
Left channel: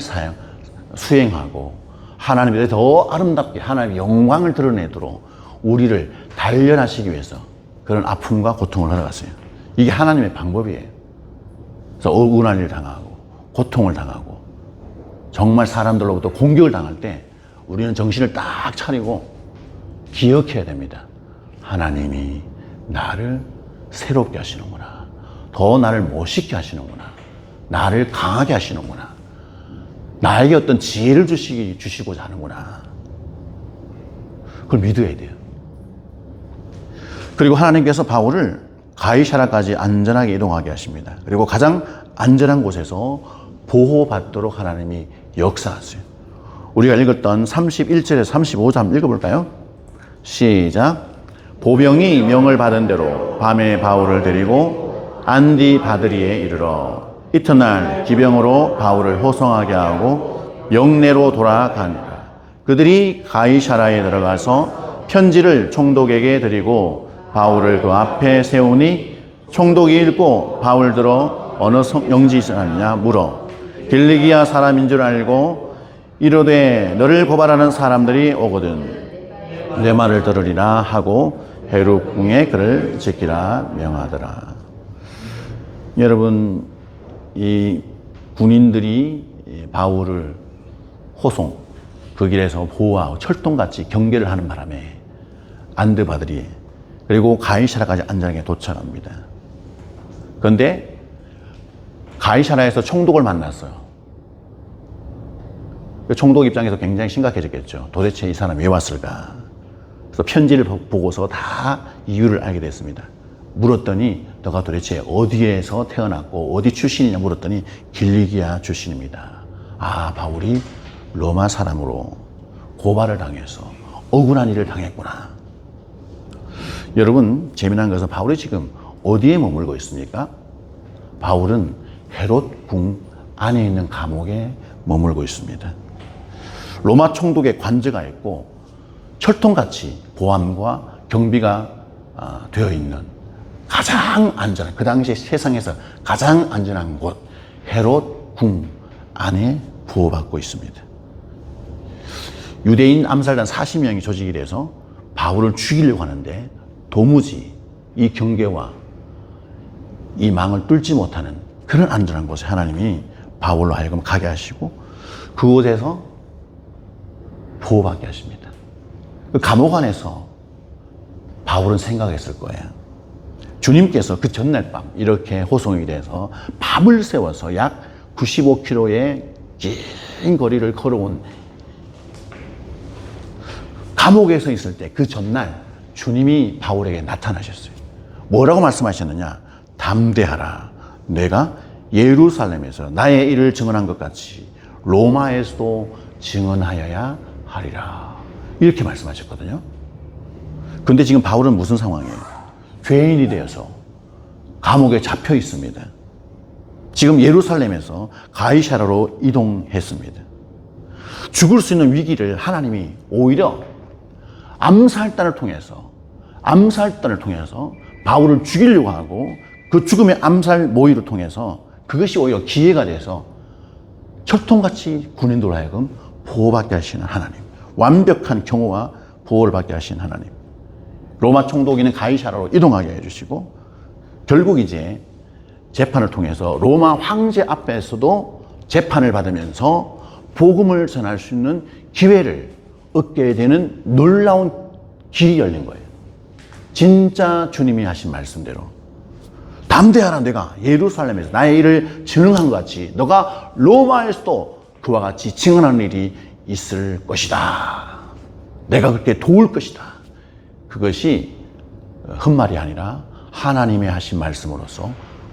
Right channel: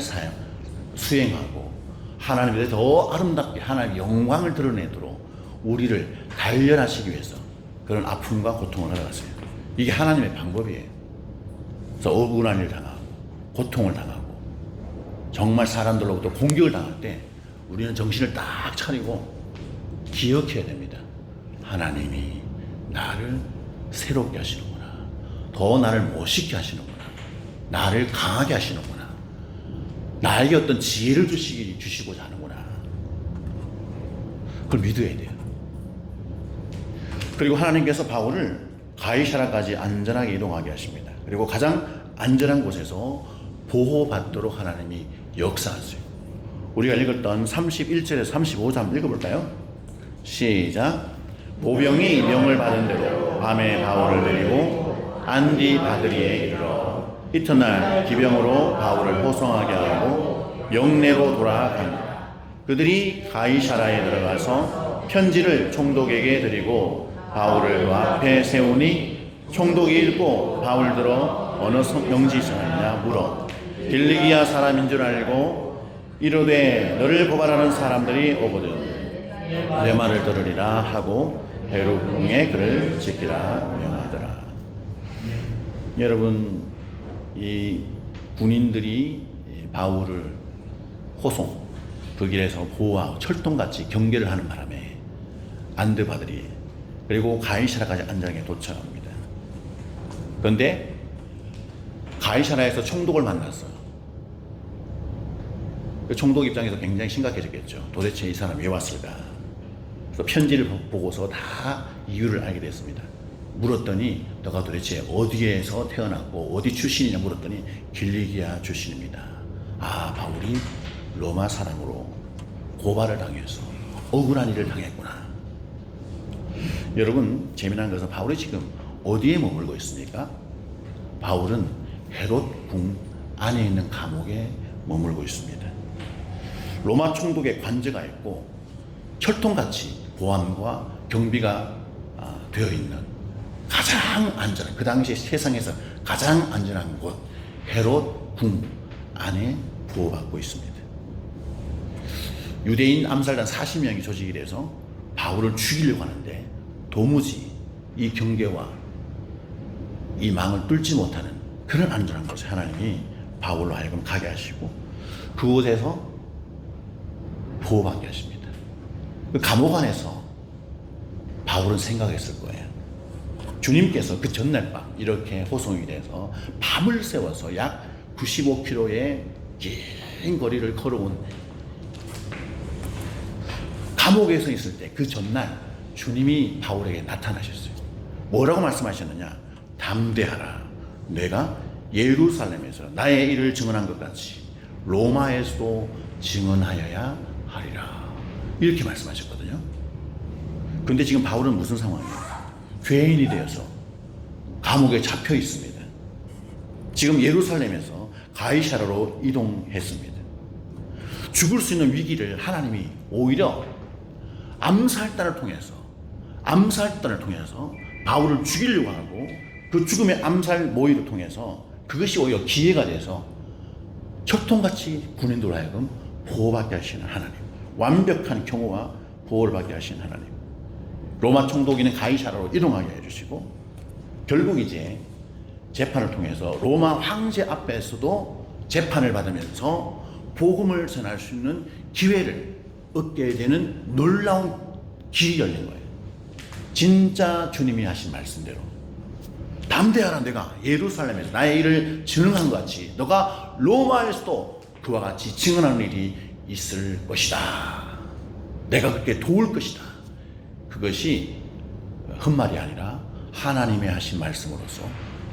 수행하고 하나님의 뜻을 더 아름답게 하나님의 영광을 드러내도록 우리를 단련하시기 위해서 그런 아픔과 고통을 허락하세요. 이게 하나님의 방법이에요. 그래서 억울한 일을 당하고 고통을 당하고 정말 사람들로부터 공격을 당할 때 우리는 정신을 딱 차리고 기억해야 됩니다. 하나님이 나를 새롭게 하시는구나. 더 나를 멋있게 하시는구나. 나를 강하게 하시는구나. 나에게 어떤 지혜를 주시고자 하는구나. 그걸 믿어야 돼요. 그리고 하나님께서 바울을 가이사라까지 안전하게 이동하게 하십니다. 그리고 가장 안전한 곳에서 보호받도록 하나님이 역사하세요. 우리가 읽었던 31절에서 35절 한번 읽어볼까요? 시작. 보병이 명을 받은 대로 밤에 바울을 데리고 안디바드리에 이르러 이튿날 기병으로 바울을 호송하게 하고 영내로 돌아가니 그들이 가이사라에 들어가서 편지를 총독에게 드리고 바울을 그 앞에 세우니 총독이 읽고 바울 들어 어느 영지사느냐 물어 길리기아 사람인 줄 알고 이르되 너를 고발하는 사람들이 오거든 내 말을 들으리라 하고 헤루궁에 그를 지키라 명하더라. 여러분, 이 군인들이 바울을 호송, 그 길에서 보호하고 철통같이 경계를 하는 바람에 안드바들이 그리고 가이사라까지 안전하게 도착합니다. 그런데 가이사라에서 총독을 만났어요. 총독 입장에서 굉장히 심각해졌겠죠. 도대체 이 사람 왜 왔을까? 그래서 편지를 보고서 다 이유를 알게 됐습니다. 물었더니 너가 도대체 어디에서 태어났고 어디 출신이냐 물었더니 길리기아 출신입니다. 아, 바울이 로마 사람으로 고발을 당해서 억울한 일을 당했구나. 여러분, 재미난 것은 바울이 지금 어디에 머물고 있습니까? 바울은 헤롯 궁 안에 있는 감옥에 머물고 있습니다. 로마 총독의 관저가 있고 철통같이 보안과 경비가 되어 있는 가장 안전한, 그 당시 세상에서 가장 안전한 곳 헤롯 궁 안에 보호받고 있습니다. 유대인 암살단 40명이 조직이 돼서 바울을 죽이려고 하는데 도무지 이 경계와 이 망을 뚫지 못하는 그런 안전한 곳에 하나님이 바울로 하여금 가게 하시고 그곳에서 보호받게 하십니다. 그 감옥 안에서 바울은 생각했을 거예요. 주님께서 그 전날 밤 이렇게 호송이 돼서 밤을 새워서 약 95km의 긴 거리를 걸어온 감옥에서 있을 때 그 전날 주님이 바울에게 나타나셨어요. 뭐라고 말씀하셨느냐? 담대하라. 내가 예루살렘에서 나의 일을 증언한 것 같이 로마에서도 증언하여야 하리라. 이렇게 말씀하셨거든요. 그런데 지금 바울은 무슨 상황이에요? 죄인이 되어서 감옥에 잡혀 있습니다. 지금 예루살렘에서 가이사라로 이동했습니다. 죽을 수 있는 위기를 하나님이 오히려 암살단을 통해서 바울을 죽이려고 하고 그 죽음의 암살 모의를 통해서 그것이 오히려 기회가 돼서 철통같이 군인들로 하여금 보호받게 하시는 하나님, 완벽한 경호와 보호를 받게 하시는 하나님, 로마 총독이는 가이사라로 이동하게 해주시고 결국 이제 재판을 통해서 로마 황제 앞에서도 재판을 받으면서 복음을 전할 수 있는 기회를 얻게 되는 놀라운 길이 열린 거예요. 진짜 주님이 하신 말씀대로 담대하라, 내가 예루살렘에서 나의 일을 증언한 것 같이 너가 로마에서도 그와 같이 증언하는 일이 있을 것이다. 내가 그렇게 도울 것이다. 그것이 헛말이 아니라 하나님의 하신 말씀으로서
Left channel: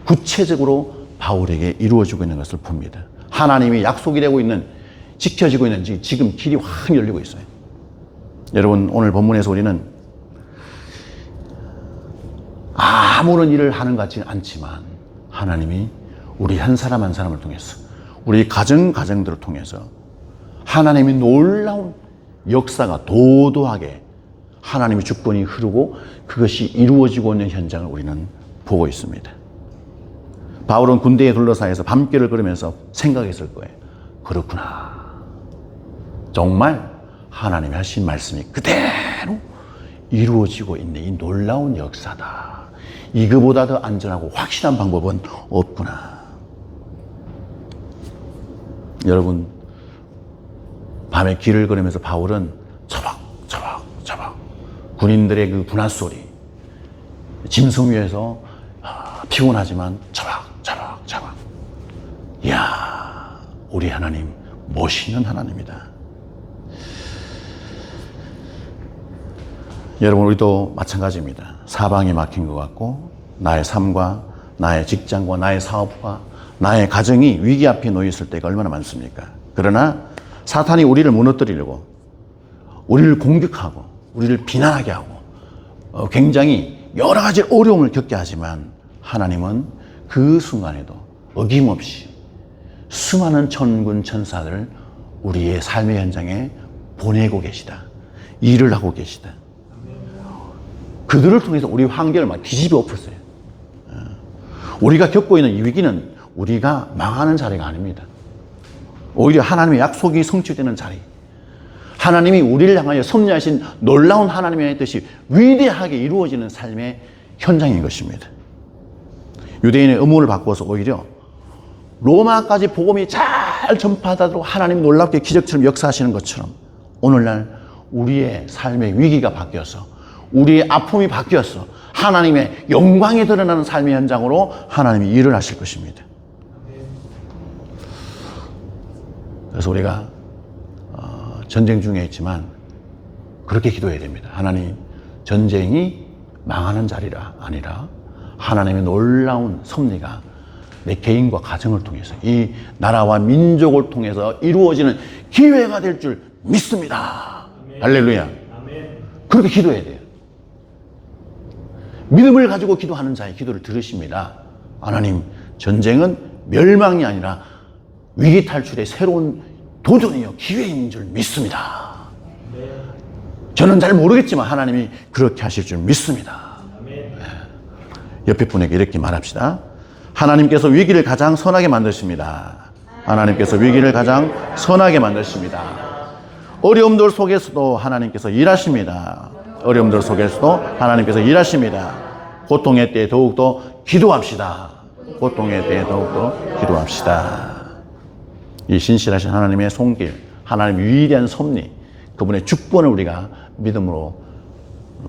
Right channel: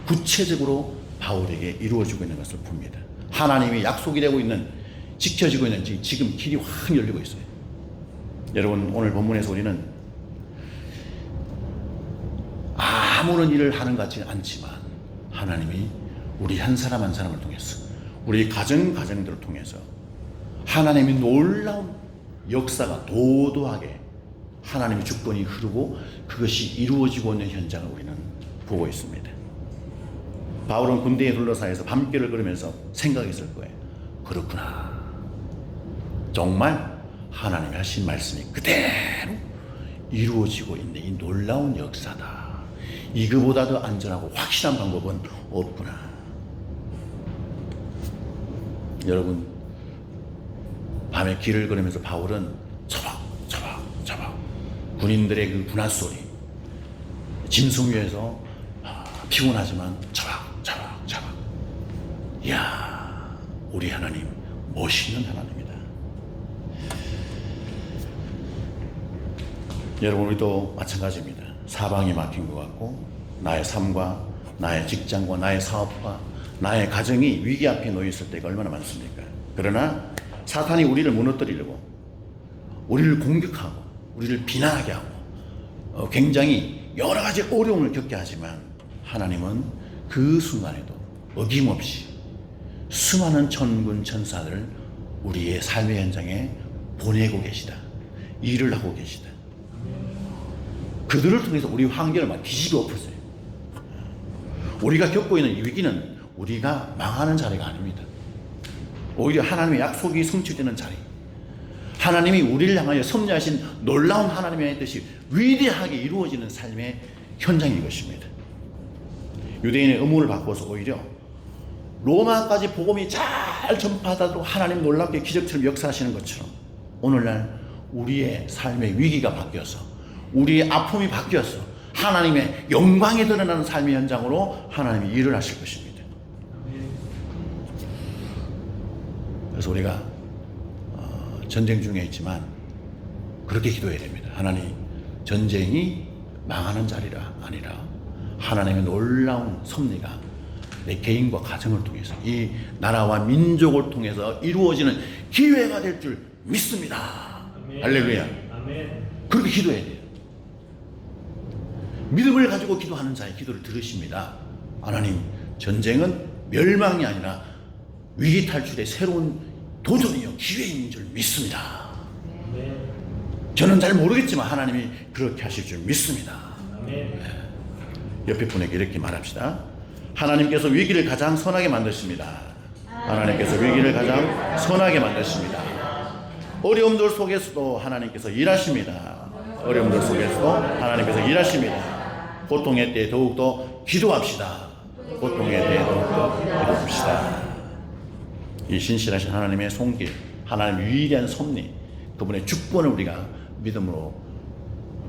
구체적으로 바울에게 이루어지고 있는 것을 봅니다. 하나님이 약속이 되고 있는, 지켜지고 있는, 지금 길이 확 열리고 있어요. 여러분, 오늘 본문에서 우리는 아무런 일을 하는 것 같지는 않지만 하나님이 우리 한 사람 한 사람을 통해서, 우리 가정들을 통해서 하나님의 놀라운 역사가 도도하게 하나님의 주권이 흐르고 그것이 이루어지고 있는 현장을 우리는 보고 있습니다. 바울은 군대에 둘러싸여서 밤길을 걸으면서 생각했을 거예요. 그렇구나. 정말 하나님이 하신 말씀이 그대로 이루어지고 있는 이 놀라운 역사다. 이거보다 더 안전하고 확실한 방법은 없구나. 여러분, 밤에 길을 걸으면서 바울은 처박처박 군인들의 그 군화 소리, 짐승 위에서 피곤하지만 처박처박. 이야, 우리 하나님 멋있는 하나님이다. 여러분, 우리도 마찬가지입니다. 사방이 막힌 것 같고 나의 삶과 나의 직장과 나의 사업과 나의 가정이 위기 앞에 놓여 있을 때가 얼마나 많습니까? 그러나 사탄이 우리를 무너뜨리려고, 우리를 공격하고 우리를 비난하게 하고 굉장히 여러 가지 어려움을 겪게 하지만 하나님은 그 순간에도 어김없이 수많은 천군 천사들을 우리의 삶의 현장에 보내고 계시다. 일을 하고 계시다. 그들을 통해서 우리 환경을 막 뒤집어 엎었어요. 우리가 겪고 있는 이 위기는 우리가 망하는 자리가 아닙니다. 오히려 하나님의 약속이 성취되는 자리, 하나님이 우리를 향하여 섭리하신 놀라운 하나님의 뜻이 위대하게 이루어지는 삶의 현장인 것입니다. 유대인의 의문을 바꿔서 오히려 로마까지 복음이 잘 전파되도록 하나님 놀랍게 기적처럼 역사하시는 것처럼 오늘날 우리의 삶의 위기가 바뀌어서, 우리의 아픔이 바뀌어서 하나님의 영광이 드러나는 삶의 현장으로 하나님이 일을 하실 것입니다. 그래서 우리가 전쟁 중에 있지만 그렇게 기도해야 됩니다. 하나님, 전쟁이 망하는 자리가 아니라 하나님의 놀라운 섭리가 내 개인과 가정을 통해서, 이 나라와 민족을 통해서 이루어지는 기회가 될 줄 믿습니다. 아멘. 할렐루야. 아멘. 그렇게 기도해야 돼요. 믿음을 가지고 기도하는 자의 기도를 들으십니다. 하나님, 전쟁은 멸망이 아니라 위기 탈출의 새로운 도전이요 기회인 줄 믿습니다. 저는 잘 모르겠지만 하나님이 그렇게 하실 줄 믿습니다. 옆에 분에게 이렇게 말합시다. 하나님께서 위기를 가장 선하게 만드십니다. 하나님께서 위기를 가장 선하게 만드십니다. 어려움들 속에서도 하나님께서 일하십니다. 어려움들 속에서도 하나님께서 일하십니다. 고통의 때에 더욱더 기도합시다. 고통의 때에 더욱더 기도합시다. 이 신실하신 하나님의 손길, 하나님의 위대한 섭리, 그분의 주권을 우리가 믿음으로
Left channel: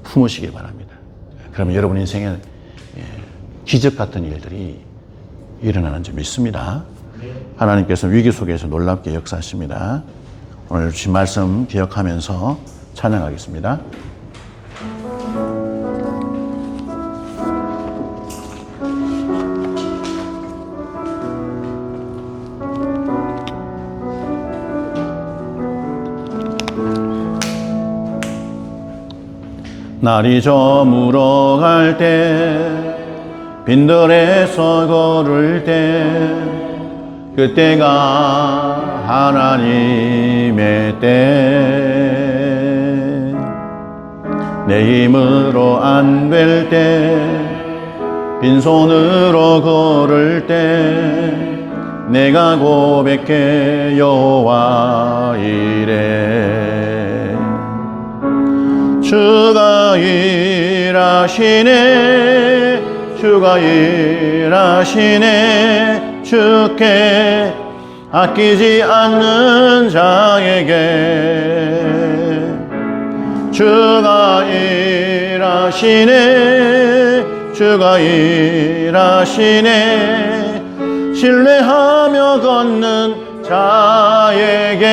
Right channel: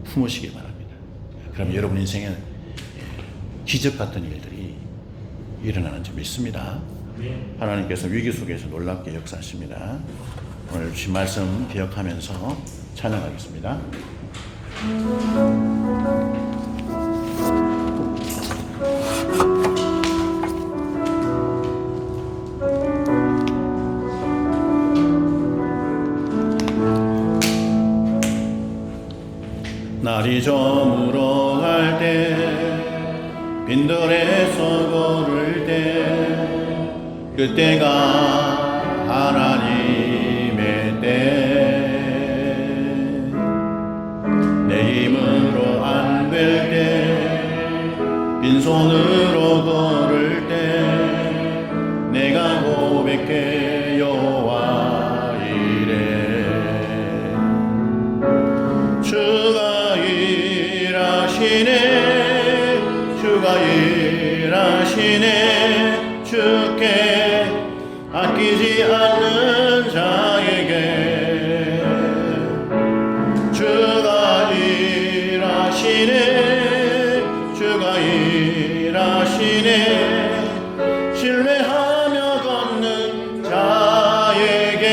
품으시길 바랍니다. 그러면 여러분 인생에 기적 같은 일들이 일어나는 줄 믿습니다. 하나님께서 위기 속에서 놀랍게 역사하십니다. 오늘 주신 말씀 기억하면서 찬양하겠습니다. 날이 저물어 갈 때, 빈들에서 걸을 때, 그때가 하나님의 때. 내 힘으로 안 될 때, 빈손으로 걸을 때, 내가 고백해 여호와 이래. 주가 일하시네, 주가 일하시네. 주께 아끼지 않는 자에게 주가 일하시네 주가 일하시네 신뢰하며 걷는 자에게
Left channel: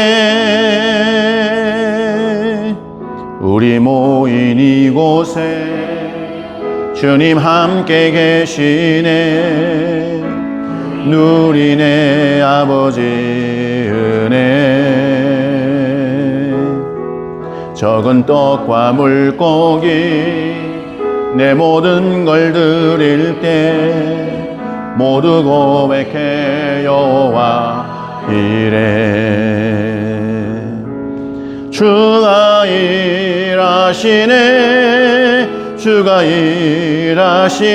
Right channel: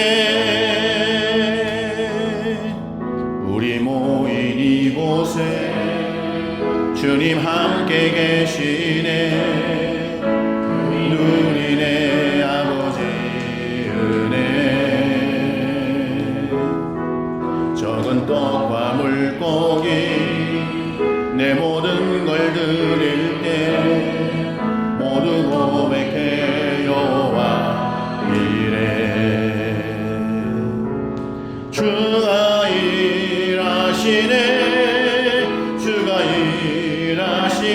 우리 모인 이곳에 주님 함께 계시네 누리네 아버지 은혜 적은 떡과 물고기 내 모든 걸 드릴 때 모두 고백해 여호와 이래 주가 일하시네 주가 일하시네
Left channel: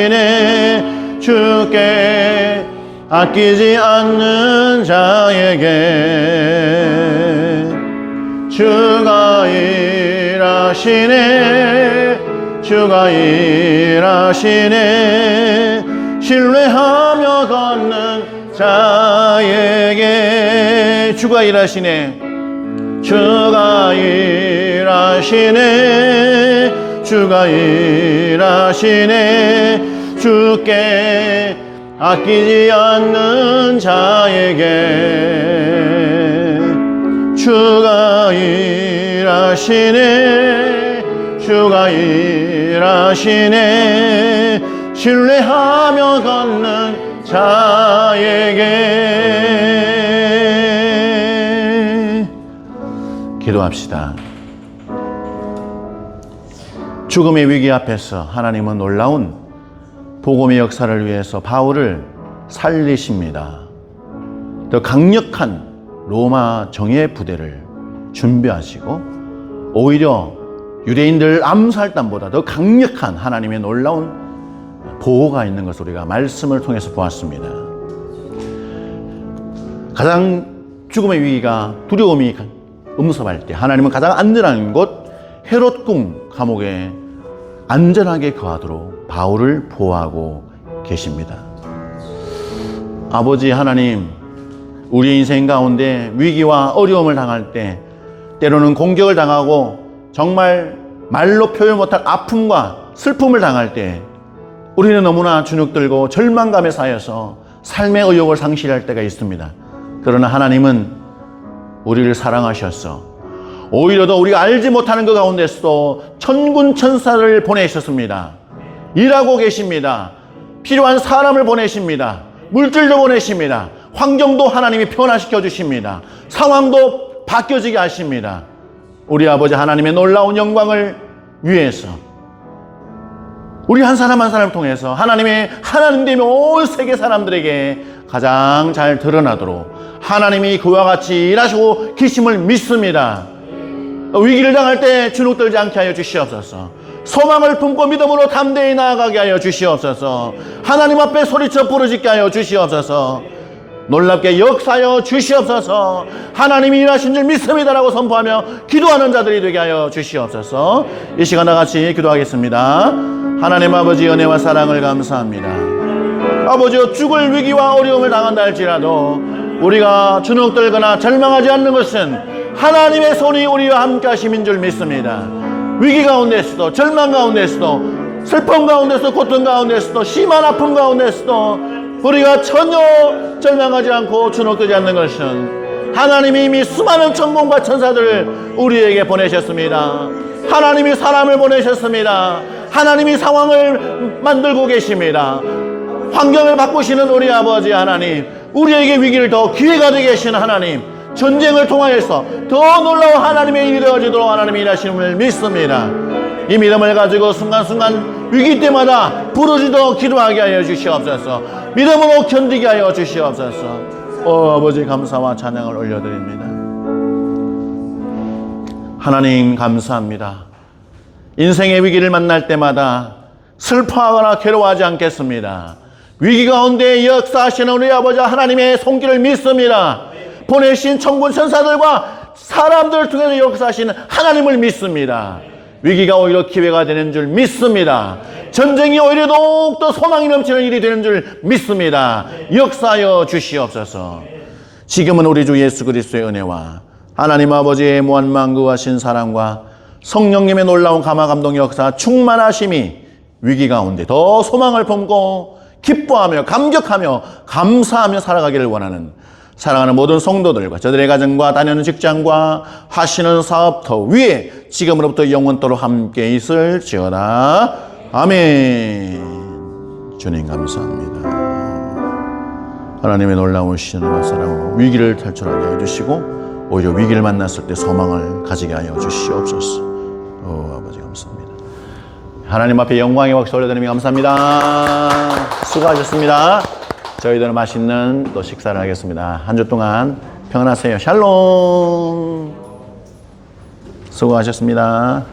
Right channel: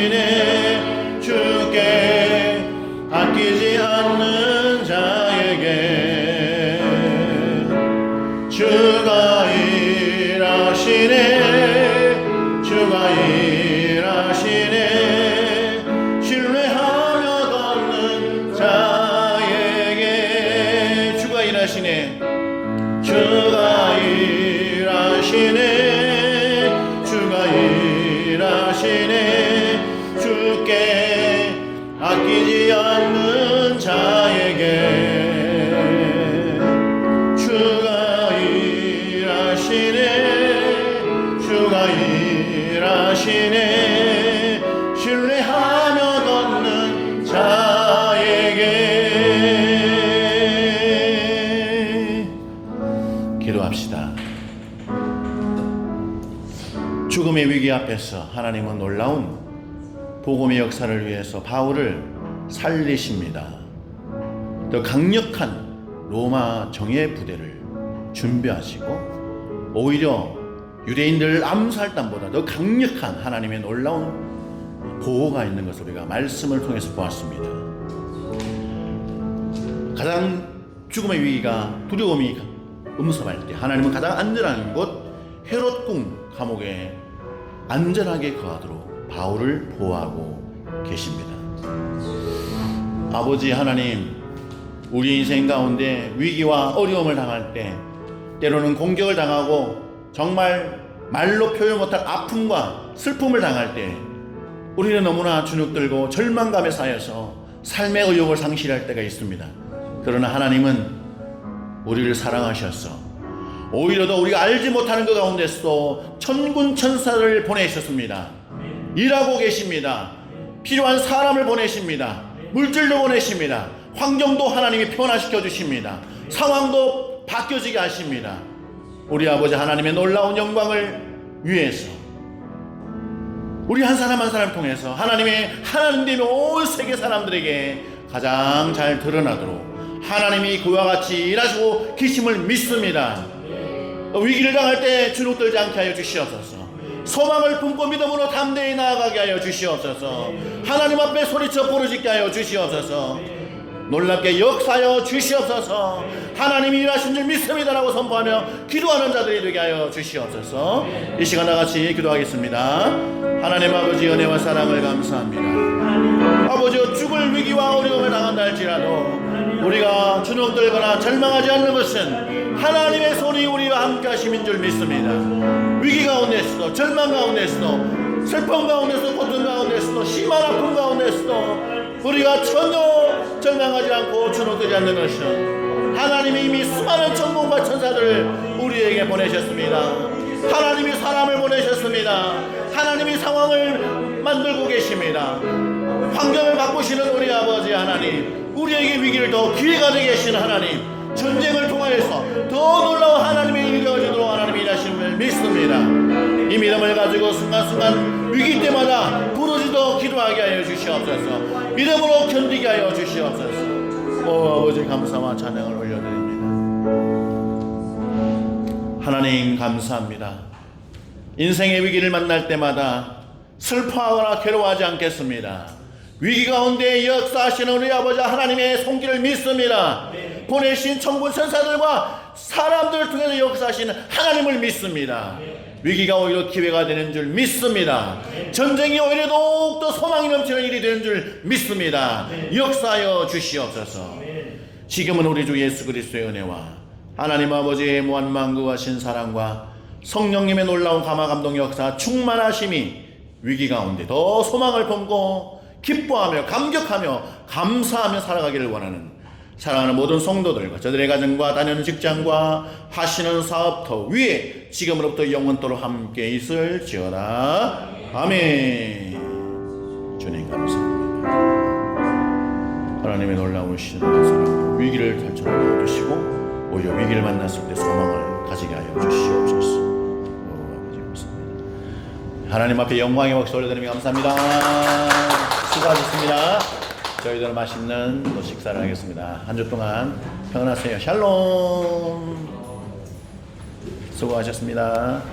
주께 아끼지 않는 자에게 주가 일하시네 주가 일하시네 신뢰하며 걷는 자에게 주가 일하시네 주가 일하시네 주가 일하시네 주께 아끼지 않는 자에게 주가 일하시네 주가 일하시네 신뢰하며 걷는 자에게 기도합시다. 죽음의 위기 앞에서 하나님은 놀라운 복음의 역사를 위해서 바울을 살리십니다. 더 강력한 로마 정예 부대를 준비하시고 오히려 유대인들 암살단보다 더 강력한 하나님의 놀라운 보호가 있는 것을 우리가 말씀을 통해서 보았습니다. 가장 죽음의 위기가 두려움이 음습할 때 하나님은 가장 안전한 곳 헤롯궁 감옥에 안전하게 거하도록 바울을 보호하고 계십니다. 아버지 하나님, 우리 인생 가운데 위기와 어려움을 당할 때 때로는 공격을 당하고 정말 말로 표현 못할 아픔과 슬픔을 당할 때 우리는 너무나 주눅들고 절망감에 쌓여서 삶의 의욕을 상실할 때가 있습니다. 그러나 하나님은 우리를 사랑하셔서 오히려 더 우리가 알지 못하는 그 가운데서 천군 천사를 보내셨습니다. 일하고 계십니다. 필요한 사람을 보내십니다. 물질도 보내십니다. 환경도 하나님이 변화시켜 주십니다. 상황도 바뀌어지게 하십니다. 우리 아버지 하나님의 놀라운 영광을 위해서 우리 한 사람 한 사람을 통해서 하나님의 하나님됨이 온 세계 사람들에게 가장 잘 드러나도록 하나님이 그와 같이 일하시고 계심을 믿습니다. 위기를 당할 때 주눅들지 않게 하여 주시옵소서. 소망을 품고 믿음으로 담대히 나아가게 하여 주시옵소서. 하나님 앞에 소리쳐 부르짖게 하여 주시옵소서. 놀랍게 역사하여 주시옵소서. 하나님이 일하신 줄 믿습니다라고 선포하며 기도하는 자들이 되게 하여 주시옵소서. 이 시간 다같이 기도하겠습니다. 하나님 아버지 은혜와 사랑을 감사합니다. 아버지여 죽을 위기와 어려움을 당한다 할지라도 우리가 주눅들거나 절망하지 않는 것은 하나님의 손이 우리와 함께 하심인 줄 믿습니다. 위기 가운데서도 절망 가운데서도 슬픔 가운데서도 고통 가운데서도 심한 아픔 가운데서도 우리가 전혀 절망하지 않고 주눅들지 않는 것은 하나님이 이미 수많은 천군과 천사들을 우리에게 보내셨습니다. 하나님이 사람을 보내셨습니다. 하나님이 상황을 만들고 계십니다. 환경을 바꾸시는 우리 아버지 하나님, 우리에게 위기를 더 기회가 되게 하시는 하나님, 전쟁을 통하여서 더 놀라운 하나님의 일이 되어지도록 하나님이 일하심을 믿습니다. 이 믿음을 가지고 순간순간 위기 때마다 부르짖어 기도하게 하여 주시옵소서. 믿음으로 견디게 하여 주시옵소서. 아버지 감사와 찬양을 올려드립니다. 하나님 감사합니다. 인생의 위기를 만날 때마다 슬퍼하거나 괴로워하지 않겠습니다. 위기 가운데 역사하시는 우리 아버지 하나님의 손길을 믿습니다. 보내신 천군 천사들과 사람들을 통해서 역사하시는 하나님을 믿습니다. 위기가 오히려 기회가 되는 줄 믿습니다. 전쟁이 오히려 더욱더 소망이 넘치는 일이 되는 줄 믿습니다. 역사하여 주시옵소서. 지금은 우리 주 예수 그리스도의 은혜와 하나님 아버지의 무한만구하신 사랑과 성령님의 놀라운 감화 감동 역사 충만하심이 위기 가운데 더 소망을 품고 기뻐하며 감격하며 감사하며 살아가기를 원하는 사랑하는 모든 성도들과 저들의 가정과 다니는 직장과 하시는 사업터 위에 지금으로부터 영원토록 함께 있을지어다. 아멘. 주님 감사합니다. 하나님의 놀라운 시전과 사랑으로 위기를 탈출하게 해주시고 오히려 위기를 만났을 때 소망을 가지게 하여 주시옵소서. 아버지 감사합니다. 하나님 앞에 영광의 박수 올려드리며 감사합니다. 수고하셨습니다. 저희들은 맛있는 또 식사를 하겠습니다. 한 주 동안 평안하세요. 샬롬. 수고하셨습니다.